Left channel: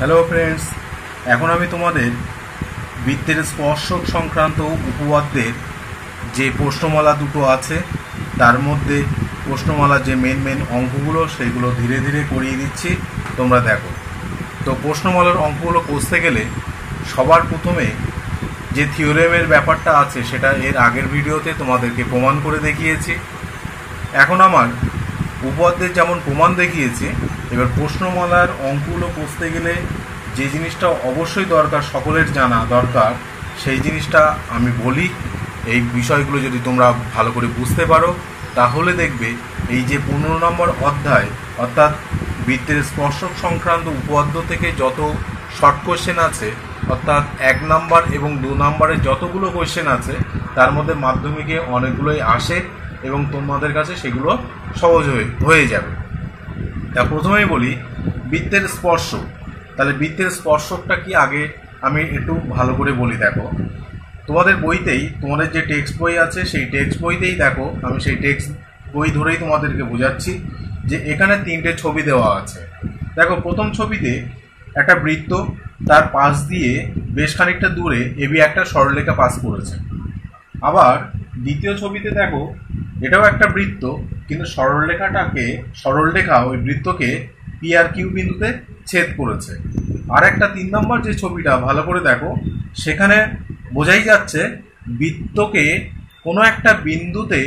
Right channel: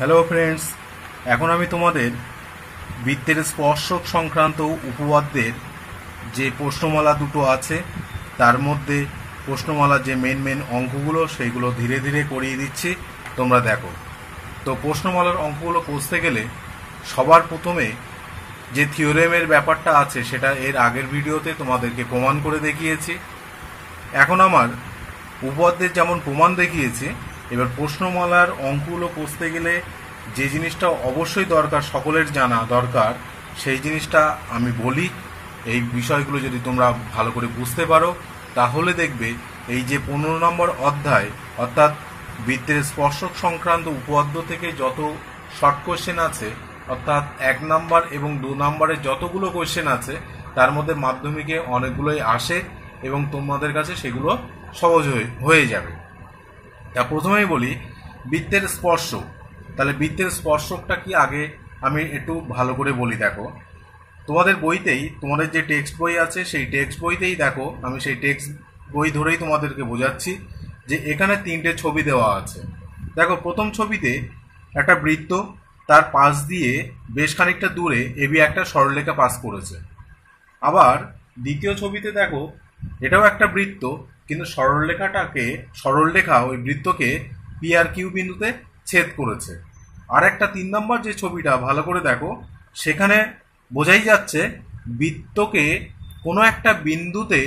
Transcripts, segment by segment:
Hello friends, এখন আমি তোমাদের বৃত্তের স্পর্শক সংক্রান্ত উপপাদ্যের যে প্রশ্নমালা দুটো আছে তার মধ্যে প্রশ্নমালার যে মেন অঙ্কগুলো সেইগুলো ধীরে ধীরে করিয়ে দিচ্ছি, তোমরা দেখো। তো প্রশ্নমালার অঙ্কগুলো কষতে গেলে সবার প্রথমে যে থিওরেমের ব্যাপারটা আছে সেটা এর আগের ভিডিওতে তোমাদেরকে প্রমাণ করে দেখিয়েছি। এখন আমার উপপাদ্যের যেমন প্রমাণ দেখিয়েছি, এবার প্রশ্নমালার অঙ্কগুলো কষতে গেলে যে জিনিসটা অবশ্যই দরকার, সকলের জানা দরকার, সেই জিনিসটা আমি বলি। এই বিষয়গুলো যদি তোমরা ভালো করে বুঝতে পারো তাহলে দেখবে এই যে 15 নম্বর অধ্যায় অর্থাৎ বৃত্তের স্পর্শক সংক্রান্ত উপপাদ্য থেকে যত শর্ট কোশ্চেন আছে, অর্থাৎ 1 নাম্বার এবং 2 নাম্বারের যতগুলো কোশ্চেন আছে তার মধ্যে মাধ্যমিকে অনেকগুলোই আসে এবং তোমাদের কাছে সেগুলো সহজ হয়ে যাবে। তা প্রথমেই বলি বৃত্তের স্পর্শক। তাহলে বৃত্তের স্পর্শকটা কি আগে আমি একটু ভালো করে বলি। দেখো, তোমাদের বইতেই, তোমাদের যে টেক্সট বই আছে সেই টেক্সট বইতেই দেখো, আমি সেই টেক্সট বই ধরেই তোমাদেরকে বোঝাচ্ছি যে এখানে 3টে ছবি দেওয়া আছে। দেখো, প্রথম ছবিতে একটা বৃত্ত, তার পাশ দিয়ে বেশ খানিকটা দূরে এবি একটা সরলরেখা পাস করেছে। আবার দ্বিতীয় ছবিতে দেখো, এটাও একটা বৃত্ত, কিন্তু সরলরেখা ওই বৃত্তকে পি আর কিউ বিন্দুতে ছেদ করেছে। আর একটা 3 নম্বর যে ছবিটা ভালো করে দেখো, সেখানে বোঝাই যাচ্ছে বৃত্তকে কোনো একটা বিন্দুতে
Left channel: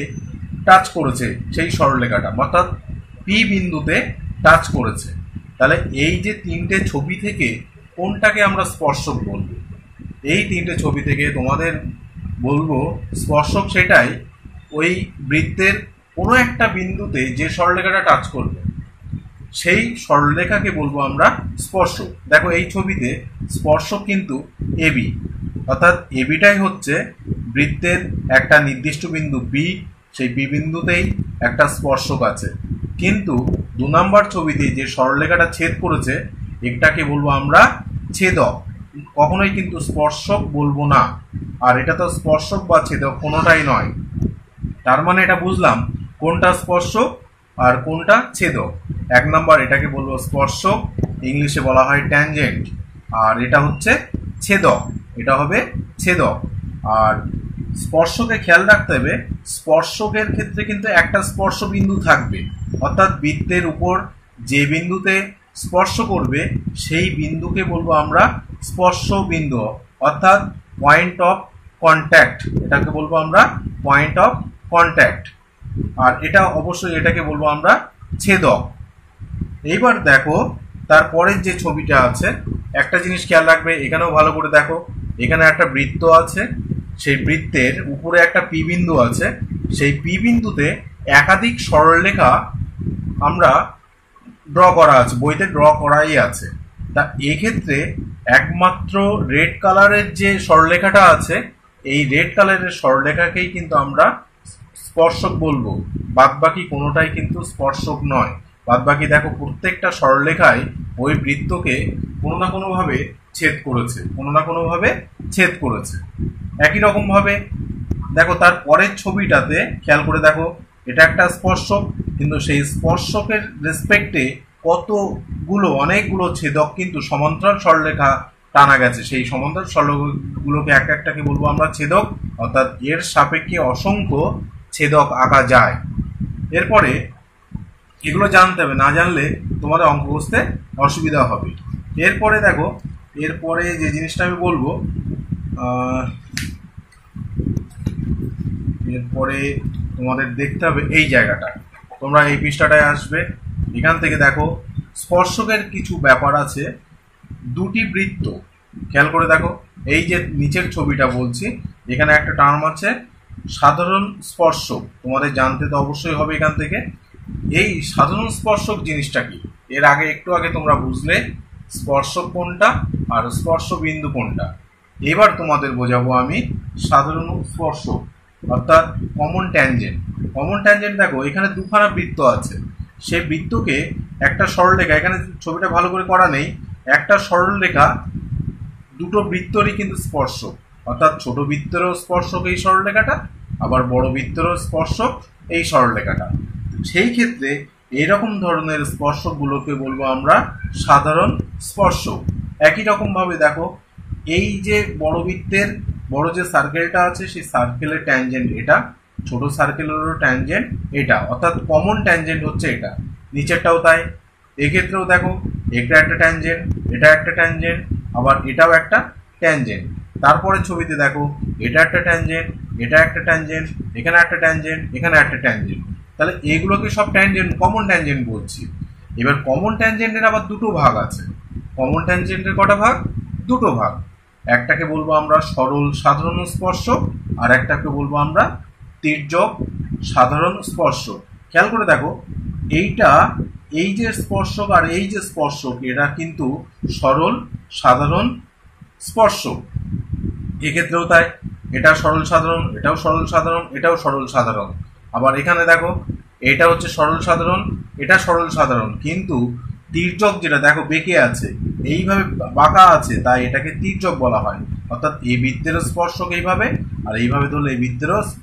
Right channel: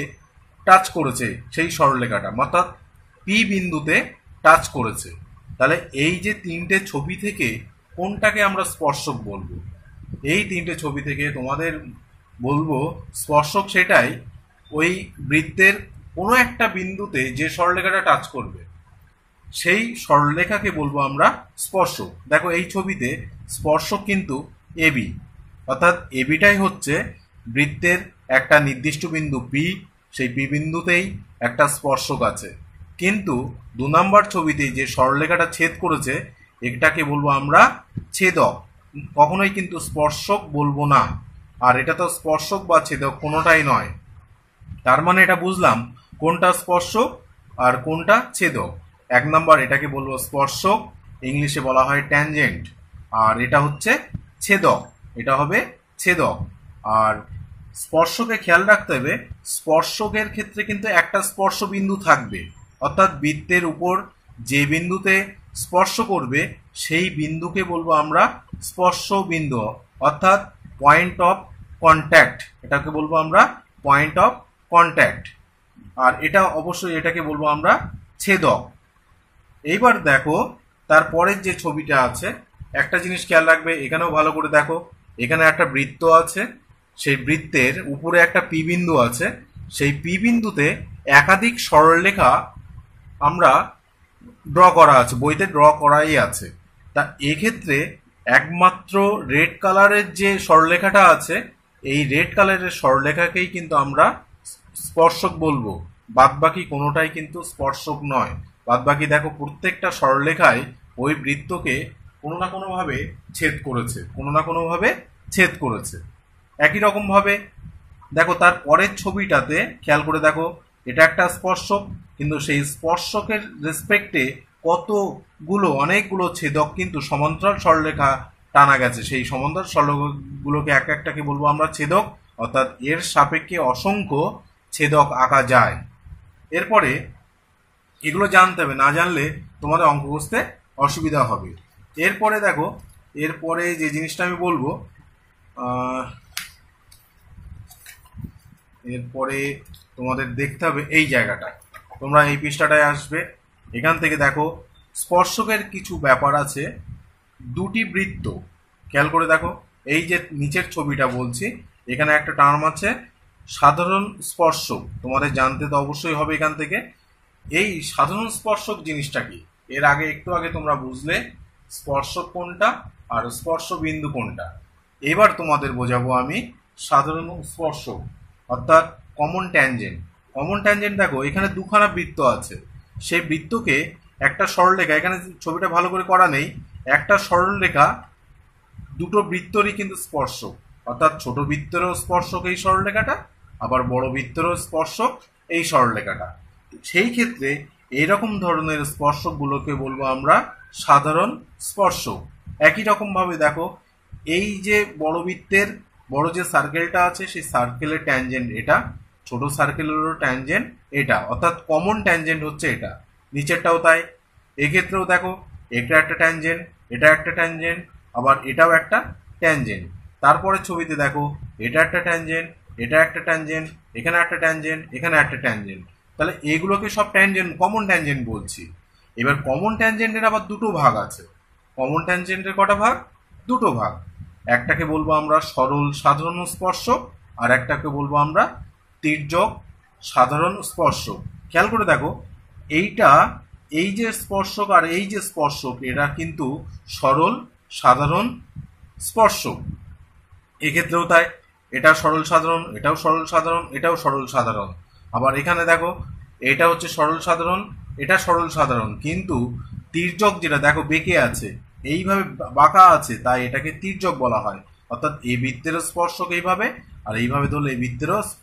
টাচ করেছে সেই সরলরেখাটা, অর্থাৎ পি বিন্দুতে টাচ করেছে। তাহলে এই যে 3টে ছবি থেকে কোনটাকে আমরা স্পর্শক বলবো? এই 3টে ছবি থেকে তোমাদের বলবো স্পর্শক সেটাই ওই বৃত্তের কোনো একটা বিন্দুতে যে সরলরেখাটা টাচ করবে সেই সরলরেখাকে বলবো আমরা স্পর্শক। দেখো, এই ছবিতে স্পর্শক কিন্তু এবি, অর্থাৎ এবিটাই হচ্ছে বৃত্তের একটা নির্দিষ্ট বিন্দু বি, সেই বি বিন্দুতেই একটা স্পর্শক আছে। কিন্তু 2 নম্বর ছবিতে যে সরলরেখাটা ছেদ করেছে এটাকে বলবো আমরা ছেদক, কখনোই কিন্তু স্পর্শক বলবো না। আর এটা তো স্পর্শক বা ছেদক কোনোটাই নয়। তার মানে এটা বুঝলাম কোনটা স্পর্শক আর কোনটা ছেদক। 1 নম্বর এটাকে বলবো স্পর্শক, ইংলিশে বলা হয় ট্যানজেন্ট, আর এটা হচ্ছে ছেদক, এটা হবে ছেদক। আর স্পর্শকে খেয়াল রাখতে হবে, স্পর্শকের ক্ষেত্রে কিন্তু একটা স্পর্শ বিন্দু থাকবে, অর্থাৎ বৃত্তের উপর যে বিন্দুতে স্পর্শ করবে সেই বিন্দুকে বলবো আমরা স্পর্শ বিন্দু, অর্থাৎ পয়েন্ট অফ কন্ট্যাক্ট, এটাকে বলবো আমরা পয়েন্ট অফ কন্ট্যাক্ট। আর এটা অবশ্যই এটাকে বলবো আমরা ছেদক। এইবার দেখো, তারপরের যে ছবিটা আছে, একটা জিনিস খেয়াল রাখবে, এখানেও ভালো করে দেখো, এখানে একটা বৃত্ত আছে, সেই বৃত্তের উপরে একটা পি বিন্দু আছে, সেই পি বিন্দুতে একাধিক সরলরেখা আমরা ড্র করা আছে, বইতে ড্র করাই আছে। তা এক্ষেত্রে একমাত্র রেড কালারের যে সরলরেখাটা আছে, এই রেড কালারের সরলরেখাকেই কিন্তু আমরা স্পর্শক বলবো, বাদবাকি কোনোটাই কিন্তু স্পর্শক নয়। বাদবাকি দেখো, প্রত্যেকটা সরলরেখায় ওই বৃত্তকে কোনো না কোনোভাবে ছেদ করেছে, কোনো না কোনোভাবে ছেদ করেছে। একই রকম ভাবে দেখো, তার পরের ছবিটাতে খেয়াল করে দেখো, এটা একটা স্পর্শক, কিন্তু সেই স্পর্শকের রেসপেক্টে অনেকগুলো ছেদক কিন্তু সমান্তরাল সরলরেখা টানা গেছে। সেই সমান্তরাল সরলরেখাগুলোকে একটাকে বলবো আমরা ছেদক, অর্থাৎ এর সাপেক্ষে অসংখ্য ছেদক আঁকা যায়। এরপরে এগুলো জানতে হবে, না জানলে তোমাদের অঙ্ক কষতে অসুবিধা হবে। এরপরে দেখো, এরপরে যে জিনিসটা আমি বলবো, এরপরে তোমাদের দেখতে হবে এই জায়গাটা, তোমরা এই পৃষ্ঠাটায় আসবে, এখান থেকে দেখো স্পর্শকের কিছু ব্যাপার আছে। 2টি বৃত্ত, খেয়াল করে দেখো, এই যে নিচের ছবিটা বলছি, এখানে একটা টার্ম আছে সাধারণ স্পর্শক, তোমাদের জানতে তো অবশ্যই হবে এখান থেকে। এই সাধারণ স্পর্শক জিনিসটা কি, এর আগে একটু আগে তোমরা বুঝলে স্পর্শক কোনটা আর স্পর্শ বিন্দু কোনটা। এবার তোমাদের বোঝাবো আমি সাধারণ স্পর্শক, অর্থাৎ কমন ট্যানজেন্ট। কমন ট্যানজেন্ট দেখো, এখানে 2খানা বৃত্ত আছে, সেই বৃত্তকে একটা সরলরেখা, এখানে ছবিটা ভালো করে করা নেই, একটা সরলরেখা দুটো বৃত্তরই কিন্তু স্পর্শক, অর্থাৎ ছোট বৃত্তেরও স্পর্শক এই সরলরেখাটা, আবার বড় বৃত্তেরও স্পর্শক এই সরলরেখাটা। সেই ক্ষেত্রে এইরকম ধরনের স্পর্শকগুলোকে বলবো আমরা সাধারণ স্পর্শক। একই রকম ভাবে দেখো এই যে বড় বৃত্তের বড় যে সার্কেলটা আছে সেই সার্কেলের ট্যানজেন্ট এটা, ছোট সার্কেলেরও ট্যানজেন্ট এটা, অর্থাৎ কমন ট্যানজেন্ট হচ্ছে এটা। নিচেরটাও তাই। এক্ষেত্রেও দেখো এটা একটা ট্যানজেন্ট, এটা একটা ট্যানজেন্ট, আবার এটাও একটা ট্যানজেন্ট। তারপরে ছবিতে দেখো এটা একটা ট্যানজেন্ট, এটা একটা ট্যানজেন্ট, এখানে একটা ট্যানজেন্ট, এখানে একটা ট্যানজেন্ট। তাহলে এগুলোকে সব ট্যানজেন্ট, কমন ট্যানজেন্ট বলছি। এবার কমন ট্যানজেন্টের আবার দুটো ভাগ আছে। কমন ট্যানজেন্টের কটা ভাগ? দুটো ভাগ। একটাকে বলবো আমরা সরল সাধারণ স্পর্শক, আর একটাকে বলবো আমরা তির্যক সাধারণ স্পর্শক। খেয়াল করে দেখো এইটা, এই যে স্পর্শক আর এই যে স্পর্শক, এরা কিন্তু সরল সাধারণ স্পর্শক। এক্ষেত্রেও তাই, এটা সরল সাধারণ, এটাও সরল সাধারণ, এটাও সরল সাধারণ। আবার এখানে দেখো এটা হচ্ছে সরল সাধারণ, এটা সরল সাধারণ, কিন্তু তির্যক যেটা দেখো বেঁকে আছে, এইভাবে বাঁকা আছে, তাই এটাকে তির্যক বলা হয়। অর্থাৎ এই বৃত্তেরও স্পর্শক এইভাবে, আর এইভাবে ধরলে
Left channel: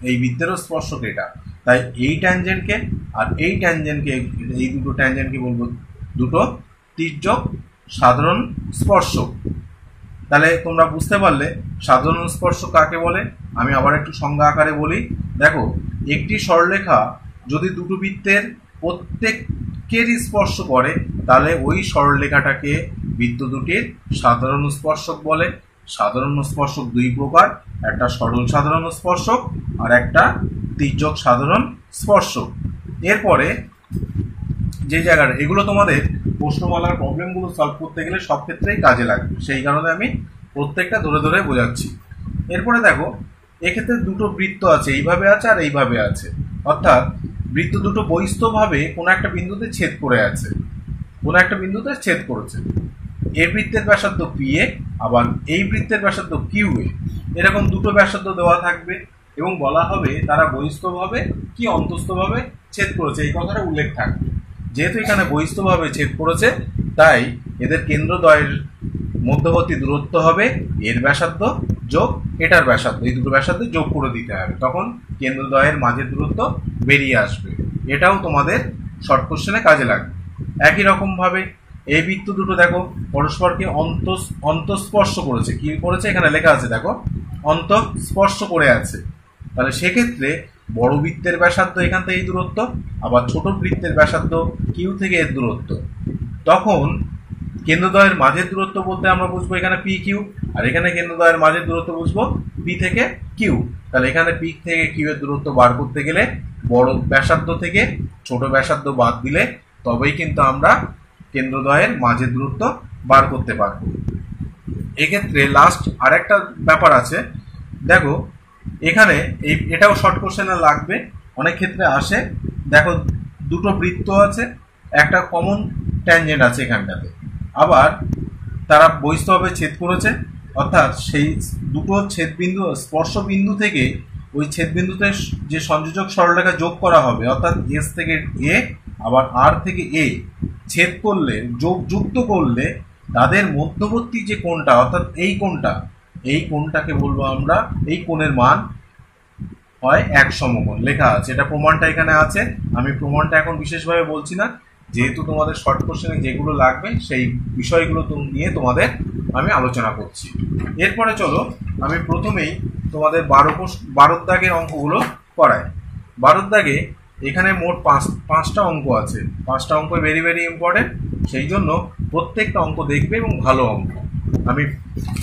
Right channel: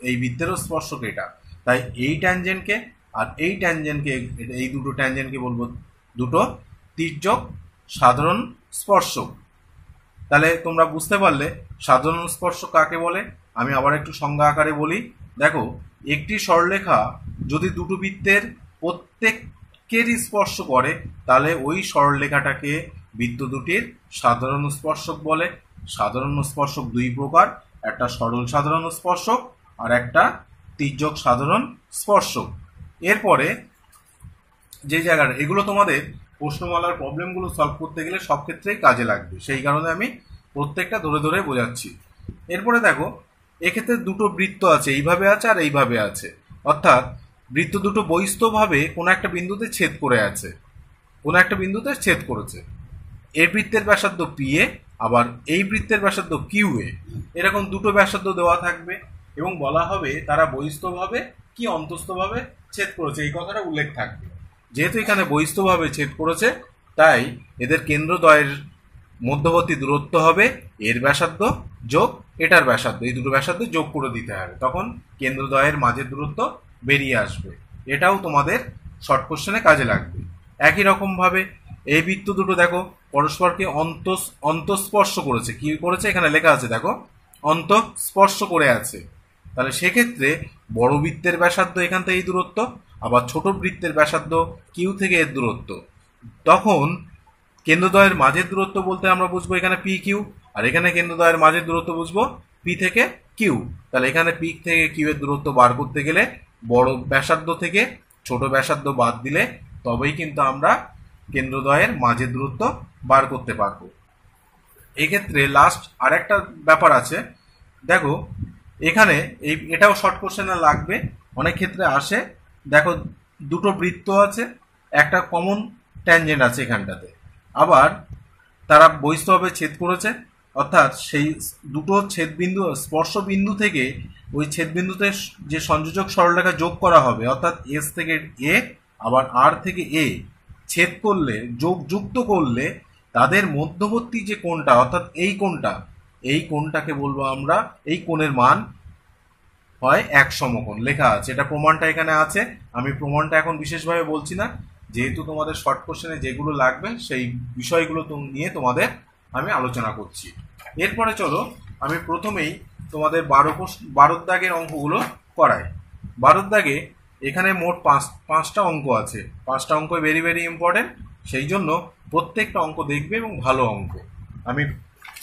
এই বৃত্তেরও স্পর্শক এটা। তাই এই ট্যানজেন্টকে আর এই ট্যানজেন্টকে, এই দুটো ট্যানজেন্টকে বলবো দুটো তির্যক সাধারণ স্পর্শক। তাহলে তোমরা বুঝতে পারলে সাধারণ স্পর্শক কাকে বলে। আমি আবার একটু সংজ্ঞা আকারে বলি। দেখো একটি সরলরেখা যদি দুটো বৃত্তের প্রত্যেকেরই স্পর্শ করে, তাহলে ওই সরলরেখাটাকে বৃত্ত দুটির সাধারণ স্পর্শক বলে। সাধারণ স্পর্শক দুই প্রকার, একটা সরল সাধারণ স্পর্শক আর একটা তির্যক সাধারণ স্পর্শক। এরপরে যে জায়গাটা, এগুলো তোমাদের প্রশ্নমালার প্রবলেমগুলো সলভ করতে গেলে সব ক্ষেত্রেই কাজে লাগবে, সেই কারণে আমি প্রত্যেকটা ধরে ধরে বোঝাচ্ছি। এরপরে দেখো এক্ষেত্রে দুটো বৃত্ত আছে, এইভাবে আছে আর এইভাবে আছে। অর্থাৎ বৃত্ত দুটো বহিস্থভাবে কোনো একটা বিন্দুতে ছেদ করে আছে, কোনো একটা বিন্দুতে ছেদ করেছে। এই বৃত্তের ব্যাসার্ধ পি এ, আবার এই বৃত্তের ব্যাসার্ধ কিউ এ। এরকম দুটো ব্যাসার্ধ দেওয়া থাকবে এবং বলা হবে তারা বহিস্থভাবে কি অন্তস্থভাবে ছেদ করেছে, এই কথাটা উল্লেখ থাকবে। যেহেতু এখানে বহিস্থভাবে ছেদ করেছে, তাই এদের কেন্দ্রদ্বয়ের মধ্যবর্তী দূরত্ব হবে এর ব্যাসার্ধ যোগ এটার ব্যাসার্ধ, এই দুটো ব্যাসার্ধ যোগ করে দিতে হবে, তখন কেন্দ্রদ্বয়ের মাঝের দূরত্ব বেরিয়ে আসবে। এটাও তোমাদের শর্ট কোশ্চেনে কাজে লাগবে। একই রকম ভাবে এই বৃত্ত দুটো দেখো পরস্পরকে অন্তঃস্পর্শ করেছে। কি করেছে? এখানে লেখা আছে দেখো, অন্তঃস্পর্শ করে আছে। তাহলে সেক্ষেত্রে বড় বৃত্তের ব্যাসার্ধ এখান থেকে এই দূরত্ব, আবার ছোট বৃত্তের ব্যাসার্ধ কিউ থেকে এর দূরত্ব। তখন কেন্দ্রদ্বয়ের মাঝের দূরত্ব বলতে আমরা বুঝবো এখানে পি কিউ, আর এখানে কেন্দ্রদ্বয়ের মাঝের দূরত্ব বুঝবো পি থেকে কিউ। তাহলে এখানে পি থেকে কিউ এর দূরত্ব বার করতে গেলে বড় ব্যাসার্ধ থেকে ছোট ব্যাসার্ধ বাদ দিলে তবেই কিন্তু আমরা কেন্দ্রদ্বয়ের মাঝের দূরত্ব বার করতে পারবো। এক্ষেত্রে লাস্ট আরেকটা ব্যাপার আছে, দেখো এখানে এটাও শর্ট কোশ্চেনে লাগবে, অনেক ক্ষেত্রে আসে। দেখো দুটো বৃত্ত আছে, একটা কমন ট্যানজেন্ট আছে এখানটাতে, আবার তারা বহিস্থভাবে ছেদ করেছে। অর্থাৎ সেই দুটো ছেদবিন্দু স্পর্শ বিন্দু থেকে ওই ছেদবিন্দুতে যে সংযোজক সরলরেখা যোগ করা হবে, অর্থাৎ এস থেকে এ আবার আর থেকে এ ছেদ করলে, যুক্ত করলে তাদের মধ্যবর্তী যে কোণটা, অর্থাৎ এই কোণটা, এই কোণটাকে বলবো আমরা, এই কোণের মান হয় এক সমকোণ। লেখা আছে, এটা প্রমাণটা এখানে আছে। আমি প্রমাণটা এখন বিশেষভাবে বলছি না, যেহেতু তোমাদের শর্ট কোশ্চেনে যেগুলো লাগবে সেই বিষয়গুলো নিয়ে তোমাদের আমি আলোচনা করছি। এরপরে চলো আমি প্রথমেই তোমাদের 12 দাগের অঙ্কগুলো করাই। 12 দাগে এখানে মোট পাঁচটা অঙ্ক আছে। পাঁচটা অঙ্ক ভেরি ভেরি ইম্পর্টেন্ট, সেই জন্য প্রত্যেকটা অঙ্ক দেখবে এবং ভালো অঙ্ক। আমি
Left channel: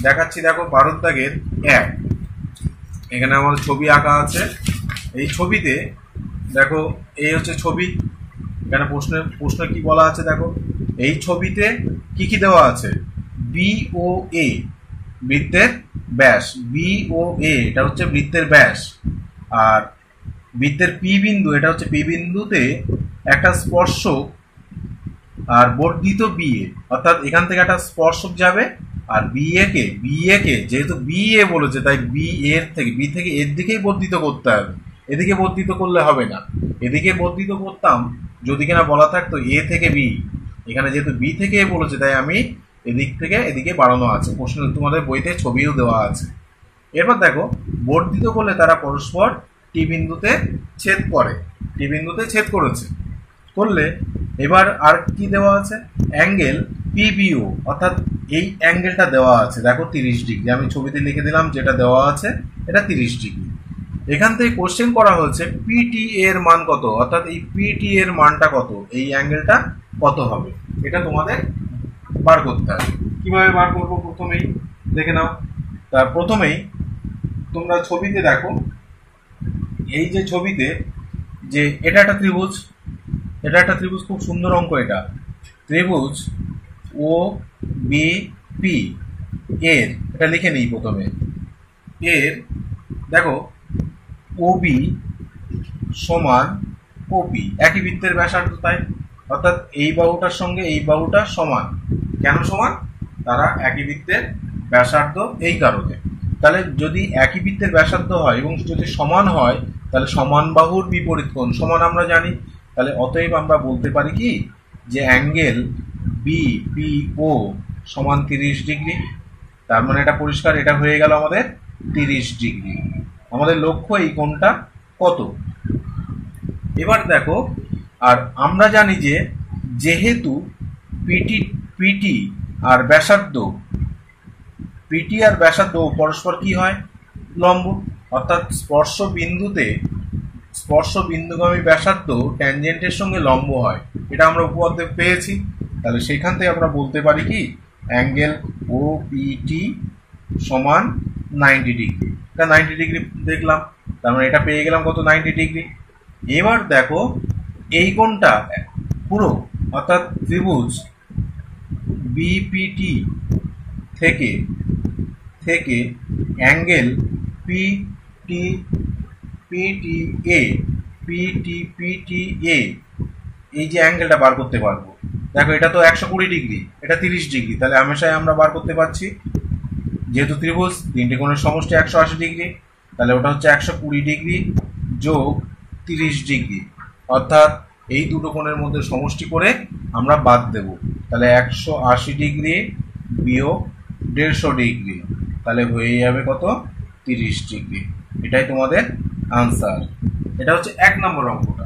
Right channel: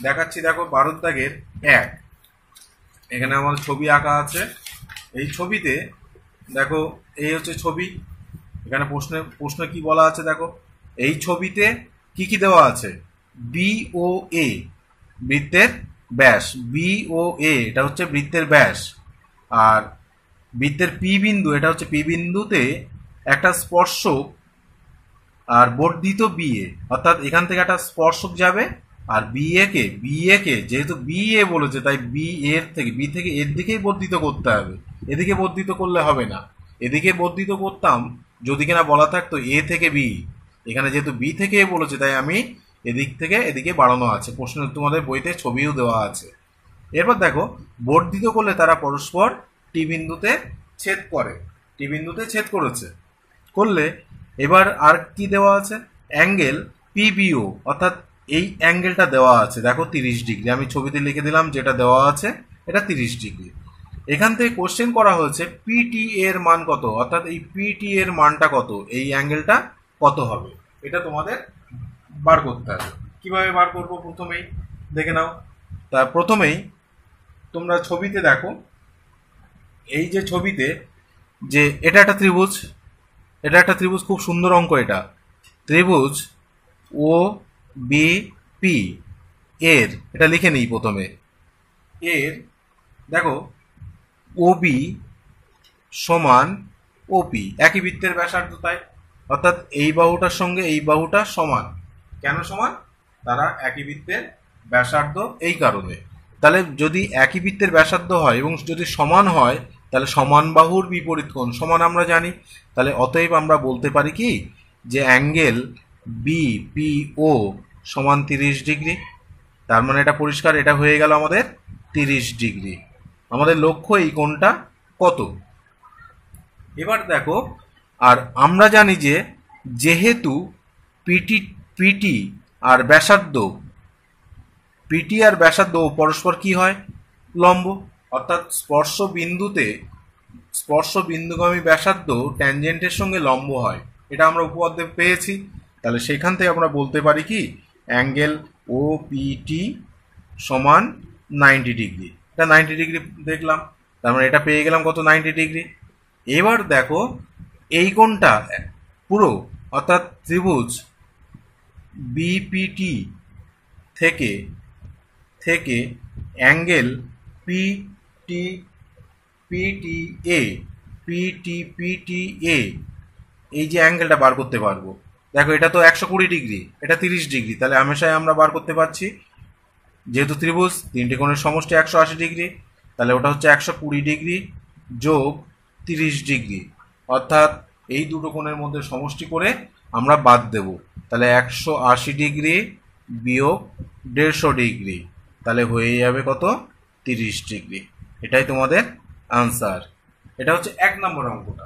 দেখাচ্ছি, দেখো 12 দাগের 1, এখানে আমার ছবি আঁকা আছে। এই ছবিতে দেখো এই হচ্ছে ছবি। এখানে প্রশ্ন কি বলা আছে দেখো, এই ছবিতে কি কি দেওয়া আছে? বি ও এ বৃত্তের ব্যাস, বি ও এ এটা হচ্ছে বৃত্তের ব্যাস, আর বৃত্তের পি বিন্দু, এটা হচ্ছে পি বিন্দুতে একটা স্পর্শক আর বর্ধিত বি এ, অর্থাৎ এখান থেকে একটা স্পর্শক যাবে, আর বি এ কে যেহেতু বি এ বলেছে তাই বি থেকে এর দিকেই বর্ধিত করতে হবে, এদিকে বর্ধিত করলে হবে না। এদিকে বর্ধিত করতাম যদি কিনা বলা থাকতো এ থেকে বি, এখানে যেহেতু বি থেকে এ বলেছে তাই আমি এদিক থেকে এদিকে বাড়ানো আছে। প্রশ্ন তোমাদের বইতে ছবিও দেওয়া আছে। এরপর দেখো বর্ধিত করলে তারা পরস্পর টি বিন্দুতে ছেদ করে, টি বিন্দুতে ছেদ করেছে, করলে এবার আর কি দেওয়া আছে, অ্যাঙ্গেল পিবিও, অর্থাৎ এই অ্যাঙ্গেলটা দেওয়া আছে দেখো 30 ডিগ্রি, আমি ছবিতে লিখে দিলাম যেটা দেওয়া আছে এটা 30 ডিগ্রি। এখান থেকে কোশ্চেন করা হয়েছে পিটি এর মান কত, অর্থাৎ এই পিটি এর মানটা কত, এই অ্যাঙ্গেলটা কত হবে, এটা তোমাদের বার করতে হবে। কিভাবে বার করবো প্রথমেই দেখে নাও। তা প্রথমেই তোমরা ছবিতে দেখো, এই যে ছবিতে যে এটা একটা ত্রিভুজ, এটা একটা ত্রিভুজ, খুব সুন্দর অঙ্ক এটা, ত্রিভুজ ও বি পি এর, এটা লিখে নিই প্রথমে, এর দেখো ওবি সমান ওপি, একই বৃত্তের ব্যাসার্ধ, তাই অর্থাৎ এই বাহুটার সঙ্গে এই বাহুটা সমান। কেন সমান, তারা একই বৃত্তের ব্যাসার্ধ এই কারণে। তাহলে যদি একই বৃত্তের ব্যাসার্ধ হয় এবং যদি সমান হয় তাহলে সমান বাহুর বিপরীত কোণ সমান আমরা জানি। তাহলে অতএব আমরা বলতে পারি কি যে অ্যাঙ্গেল বিপিও সমান 30 ডিগ্রি। তার মানে এটা পরিষ্কার, এটা হয়ে গেল আমাদের 30 ডিগ্রি। আমাদের লক্ষ্য এই কোণটা কত। এবার দেখো, আর আমরা জানি যে যেহেতু পিটি আর ব্যাসার্ধ, পিটি আর ব্যাসার্ধ পরস্পর কি হয়, লম্ব, অর্থাৎ স্পর্শ বিন্দুগামী ব্যাসার্ধ ট্যানজেন্টের সঙ্গে লম্ব হয়, এটা আমরা উপপাদ্যে পেয়েছি। তাহলে সেখান থেকে আমরা বলতে পারি কি অ্যাঙ্গেল ও পিটি সমান 90 ডিগ্রি। এটা 90 ডিগ্রি দেখলাম, তার মানে এটা পেয়ে গেলাম কত, 90 ডিগ্রি। এবার দেখো এই কোণটা পুরো, অর্থাৎ ত্রিভুজ বিপিটি থেকে অ্যাঙ্গেল পিটিএ এই যে অ্যাঙ্গেলটা বার করতে পারবো, দেখো এটা তো 120 ডিগ্রি, এটা 30 ডিগ্রি, তাহলে হামেশাই আমরা বার করতে পারছি, যেহেতু ত্রিভুজ তিনটে কোণের সমষ্টি 180 ডিগ্রি, তাহলে ওটা হচ্ছে 120 ডিগ্রি যোগ 30 ডিগ্রি, অর্থাৎ এই দুটো কোণের মধ্যে সমষ্টি করে আমরা বাদ দেব। তাহলে 180 ডিগ্রি বিয়োগ 150 ডিগ্রি, তাহলে হয়ে যাবে কত, 30 ডিগ্রি। এটাই তোমাদের আনসার। এটা হচ্ছে 1 নম্বর অঙ্কটা।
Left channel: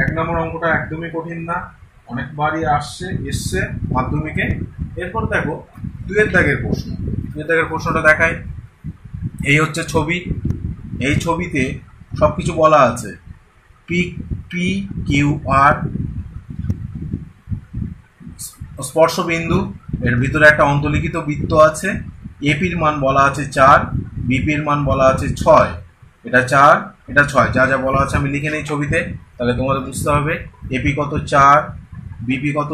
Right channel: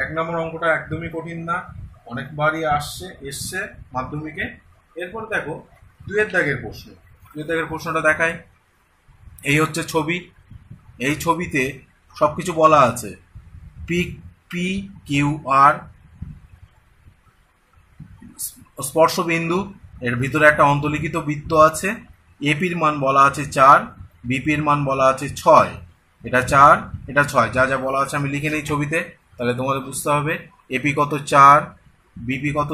1 নম্বর অঙ্কটা একদমই কঠিন না, অনেকবারই এসছে মাধ্যমিকে। এরপর দেখো 2 দাগের প্রশ্ন। 2 দাগের প্রশ্নটা দেখায়, এই হচ্ছে ছবি, এই ছবিতে সবকিছু বলা আছে, পি কিউ আর স্পর্শ বিন্দু, এর ভিতরে একটা অন্তর্লিখিত বৃত্ত আছে, এপির মান বলা আছে 4, বিপির মান বলা আছে 6, এটা 4 এটা 6, যা যা বলা আছে আমি লিখে নিই ছবিতে, তাহলে তোমাদের বুঝতে হবে এপি কত 4, বিপি কত,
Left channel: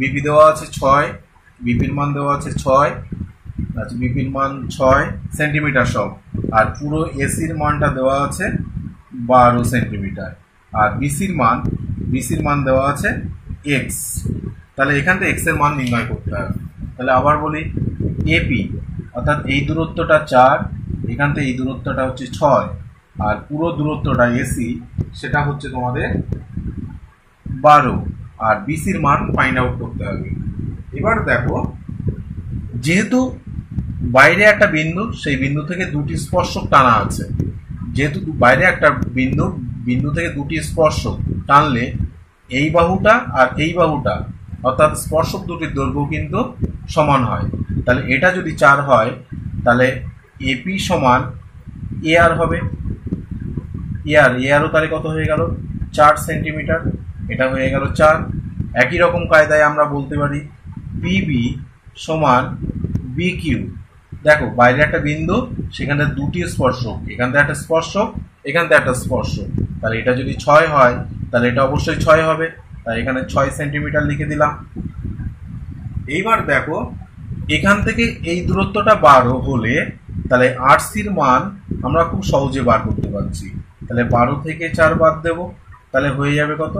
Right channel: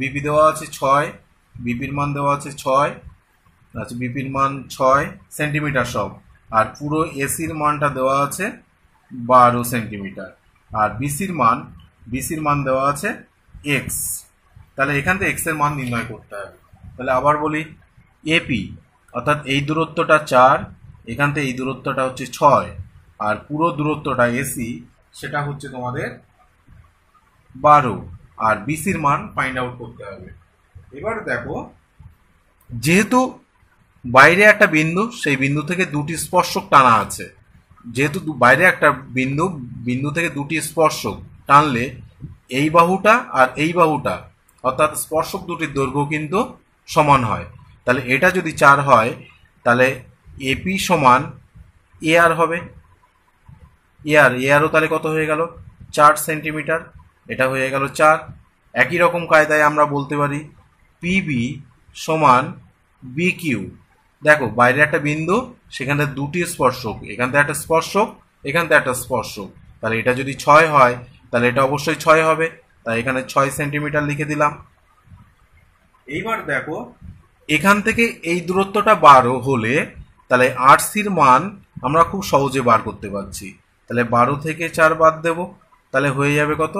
বিপি দেওয়া আছে 6, বিপির মান দেওয়া আছে 6, আচ্ছা বিপির মান 6 সেন্টিমিটার সব, আর পুরো এসির মানটা দেওয়া আছে 12 সেন্টিমিটার, আর বিসির মান দেওয়া আছে এক্স। তাহলে এখান থেকে এক্স এর মান নির্ণয় করতে হবে। তাহলে আবার বলি, এপি অর্থাৎ এই দূরত্বটা 4, এখান থেকে এই দূরত্বটা হচ্ছে 6, আর পুরো দূরত্বটা এসি সেটা হচ্ছে তোমাদের 12, আর বিসির মান ফাইন্ড আউট করতে হবে। এবার দেখো, যেহেতু বাইরে একটা বিন্দু, সেই বিন্দু থেকে দুটি স্পর্শক টানা আছে, যেহেতু বাইরে একটা বিন্দু থেকে দুটি স্পর্শক টানলে এই বাহুটা আর এই বাহুটা, অর্থাৎ স্পর্শক দুটির দৈর্ঘ্য কিন্তু সমান হয়। তাহলে এটা যদি 4 হয় তাহলে এপি সমান এআর হবে, এআরও তাহলে কত হয়ে গেল, 4 সেন্টিমিটার, এটা হয়ে গেল 4। একই রকম কায়দায় আমরা বলতে পারি পিবি সমান বিকিউ, দেখো বাইরে একটা বিন্দু, সেখানে দুটি স্পর্শক, এখান থেকে একটা স্পর্শক, এখান থেকে একটা স্পর্শক, তাহলে এটা যদি 6 হয় তাহলে এটা অবশ্যই 6 হবে, তাই এখানে 6 সেন্টিমিটার লিখে দিলাম। এইবার দেখো এখান থেকে এই দূরত্বটা 12 হলে তাহলে আরসির মান আমরা খুব সহজে বার করতে পারছি। তাহলে 12 থেকে 4 বাদ দেব, তাহলে হয়ে যাবে কত,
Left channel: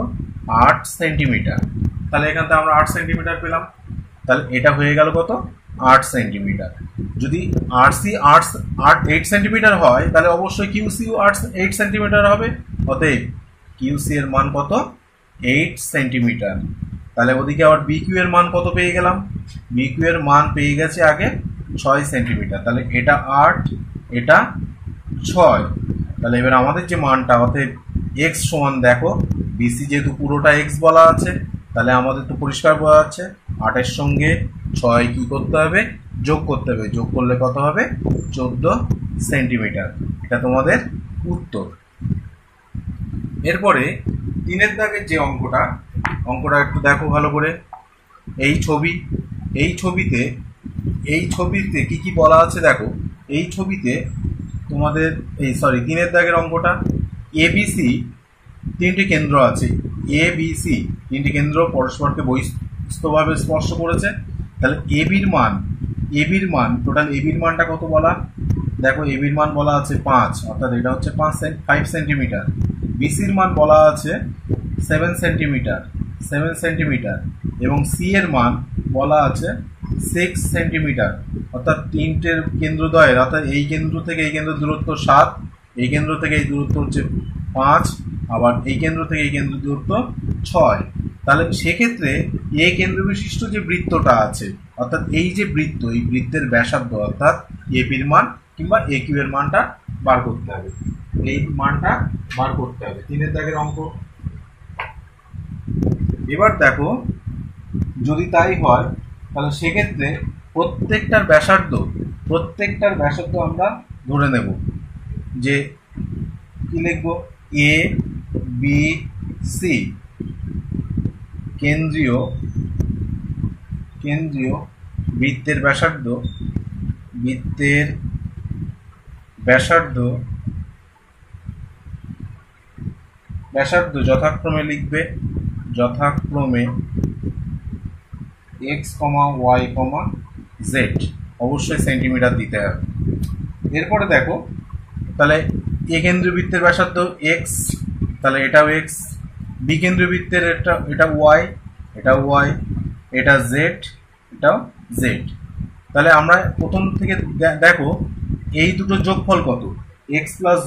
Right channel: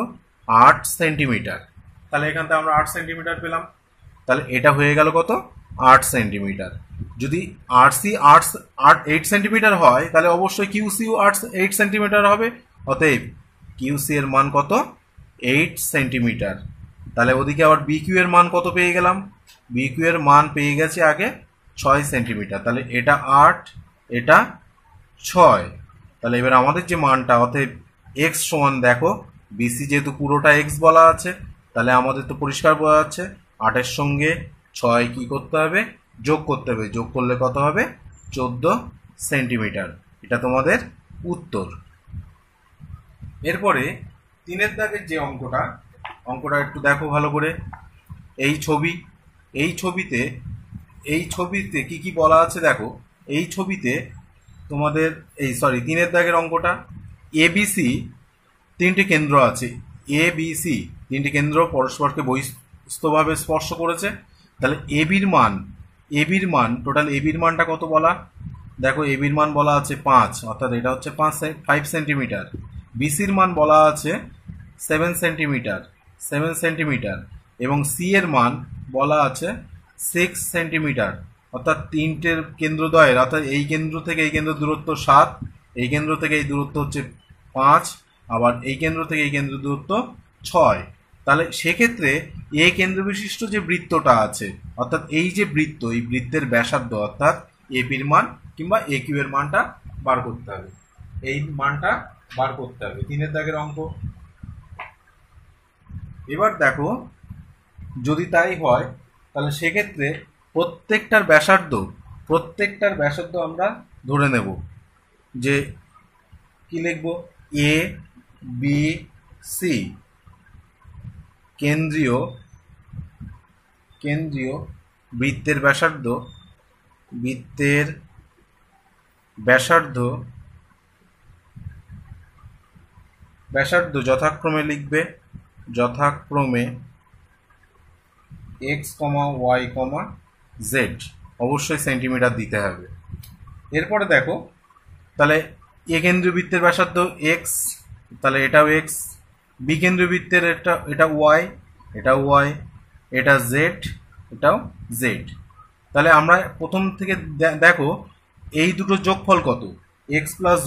8 সেন্টিমিটার। তাহলে এখান থেকে আমরা 8 সেন্টিমিটার পেলাম, তাহলে এটা হয়ে গেল কত, 8 সেন্টিমিটার। যদি আরসি 8 সেন্টিমিটার হয় তাহলে অবশ্যই কিউসিও 8 সেন্টিমিটার হবে, অতএব কিউসি এর মান কত, 8 সেন্টিমিটার। তাহলে ওদিকে আবার বিকিউ এর মান কত পেয়ে গেলাম, বিকিউ এর মান পেয়ে গেছে আগে 6 সেন্টিমিটার, তাহলে এটা 8 এটা 6। তাহলে এবার আমাদের যে মানটা, অতএব এক্স সমান দেখো বিসি যেহেতু পুরোটা এক্স বলা আছে, তাহলে আমাদের তো পরিষ্কার বোঝা যাচ্ছে 8-এর সঙ্গে 6 কি করতে হবে, যোগ করতে হবে। যোগ করলে কত হবে, 14 সেন্টিমিটার। এটা তোমাদের উত্তর। এরপরে 3-এর দাগের যে অঙ্কটা একটু দেখো ভালো করে। এই ছবিতে কি কি বলা আছে দেখো। এই ছবিতে তোমাদের 3-এর দাগের অঙ্কটা, এবিসি 3টি কেন্দ্র আছে। এবিসি 3টি কেন্দ্র পরস্পরকে বহিস্থভাবে স্পর্শ করেছে। তাহলে এবির মান টোটাল এবির মানটা কত বলা, দেখো এবির মান বলা আছে 5, অর্থাৎ এটা হচ্ছে 5 সেন্টিমিটার। বিসির মান বলা আছে 7 সেন্টিমিটার এবং সি এর মান বলা আছে 6 সেন্টিমিটার। অর্থাৎ 3টের কেন্দ্রদ্বয়ের, অর্থাৎ এই কেন্দ্র থেকে এই কেন্দ্র দূরত্ব 7, এই কেন্দ্র থেকে এই দূরত্ব হচ্ছে 5, আবার এই কেন্দ্র থেকে এই কেন্দ্র দূরত্ব 6। তাহলে সেক্ষেত্রে এ কেন্দ্র বিশিষ্ট যে বৃত্তটা আছে, অর্থাৎ এই যে বৃত্ত, এই বৃত্তের ব্যাসার্ধ অর্থাৎ এপির মান কিংবা এ কিউ এর মানটা বার করতে হবে। এই মানটা বার করতে হবে 3-এর দাগের অঙ্ক। এবার দেখো যদি তাই হয় তাহলে সেক্ষেত্রে প্রত্যেকটার ব্যাসার্ধ আমরা ধরে নেব যে কি লিখব, এ বি সি কেন্দ্রীয় বৃত্তের ব্যাসার্ধ যথাক্রমে লিখবে, x, y, z, অবশ্যই সেন্টিমিটার দিতে হবে। এরপরে দেখো তাহলে এ কেন্দ্রীয় বৃত্তের ব্যাসার্ধ x, তাহলে এটাও x, বি কেন্দ্রীয় বৃত্তের এটা y, এটা z, এটাও z। তাহলে আমরা প্রথম থেকে দেখো এই দুটো যোগফল কত, x প্লাস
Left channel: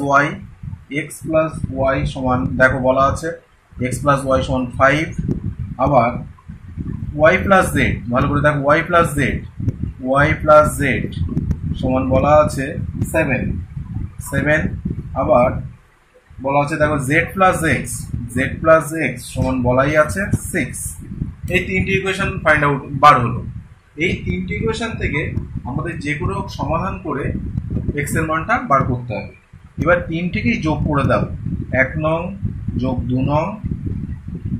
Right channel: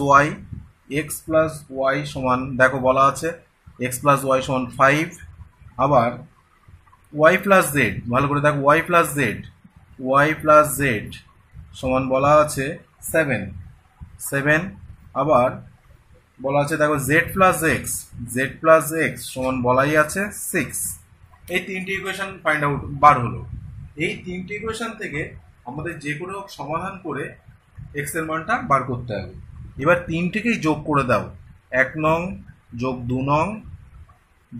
ওয়াই সমান, দেখো বলা আছে x প্লাস ওয়াই সমান 5, আবার y প্লাস জেড, ভালো করে দেখো y প্লাস জেড সমান বলা আছে 7, আবার বলা আছে দেখো z প্লাস এক্স সমান বলাই আছে 6। এই 3টি ইকুয়েশন বার হলো। এই 3টি ইকুয়েশন থেকে আমাদের যে কোনো সমাধান করে x এর মানটা বার করতে হবে। এবার 3টিকেই যোগ করে দাও, 1 নং যোগ 2 নং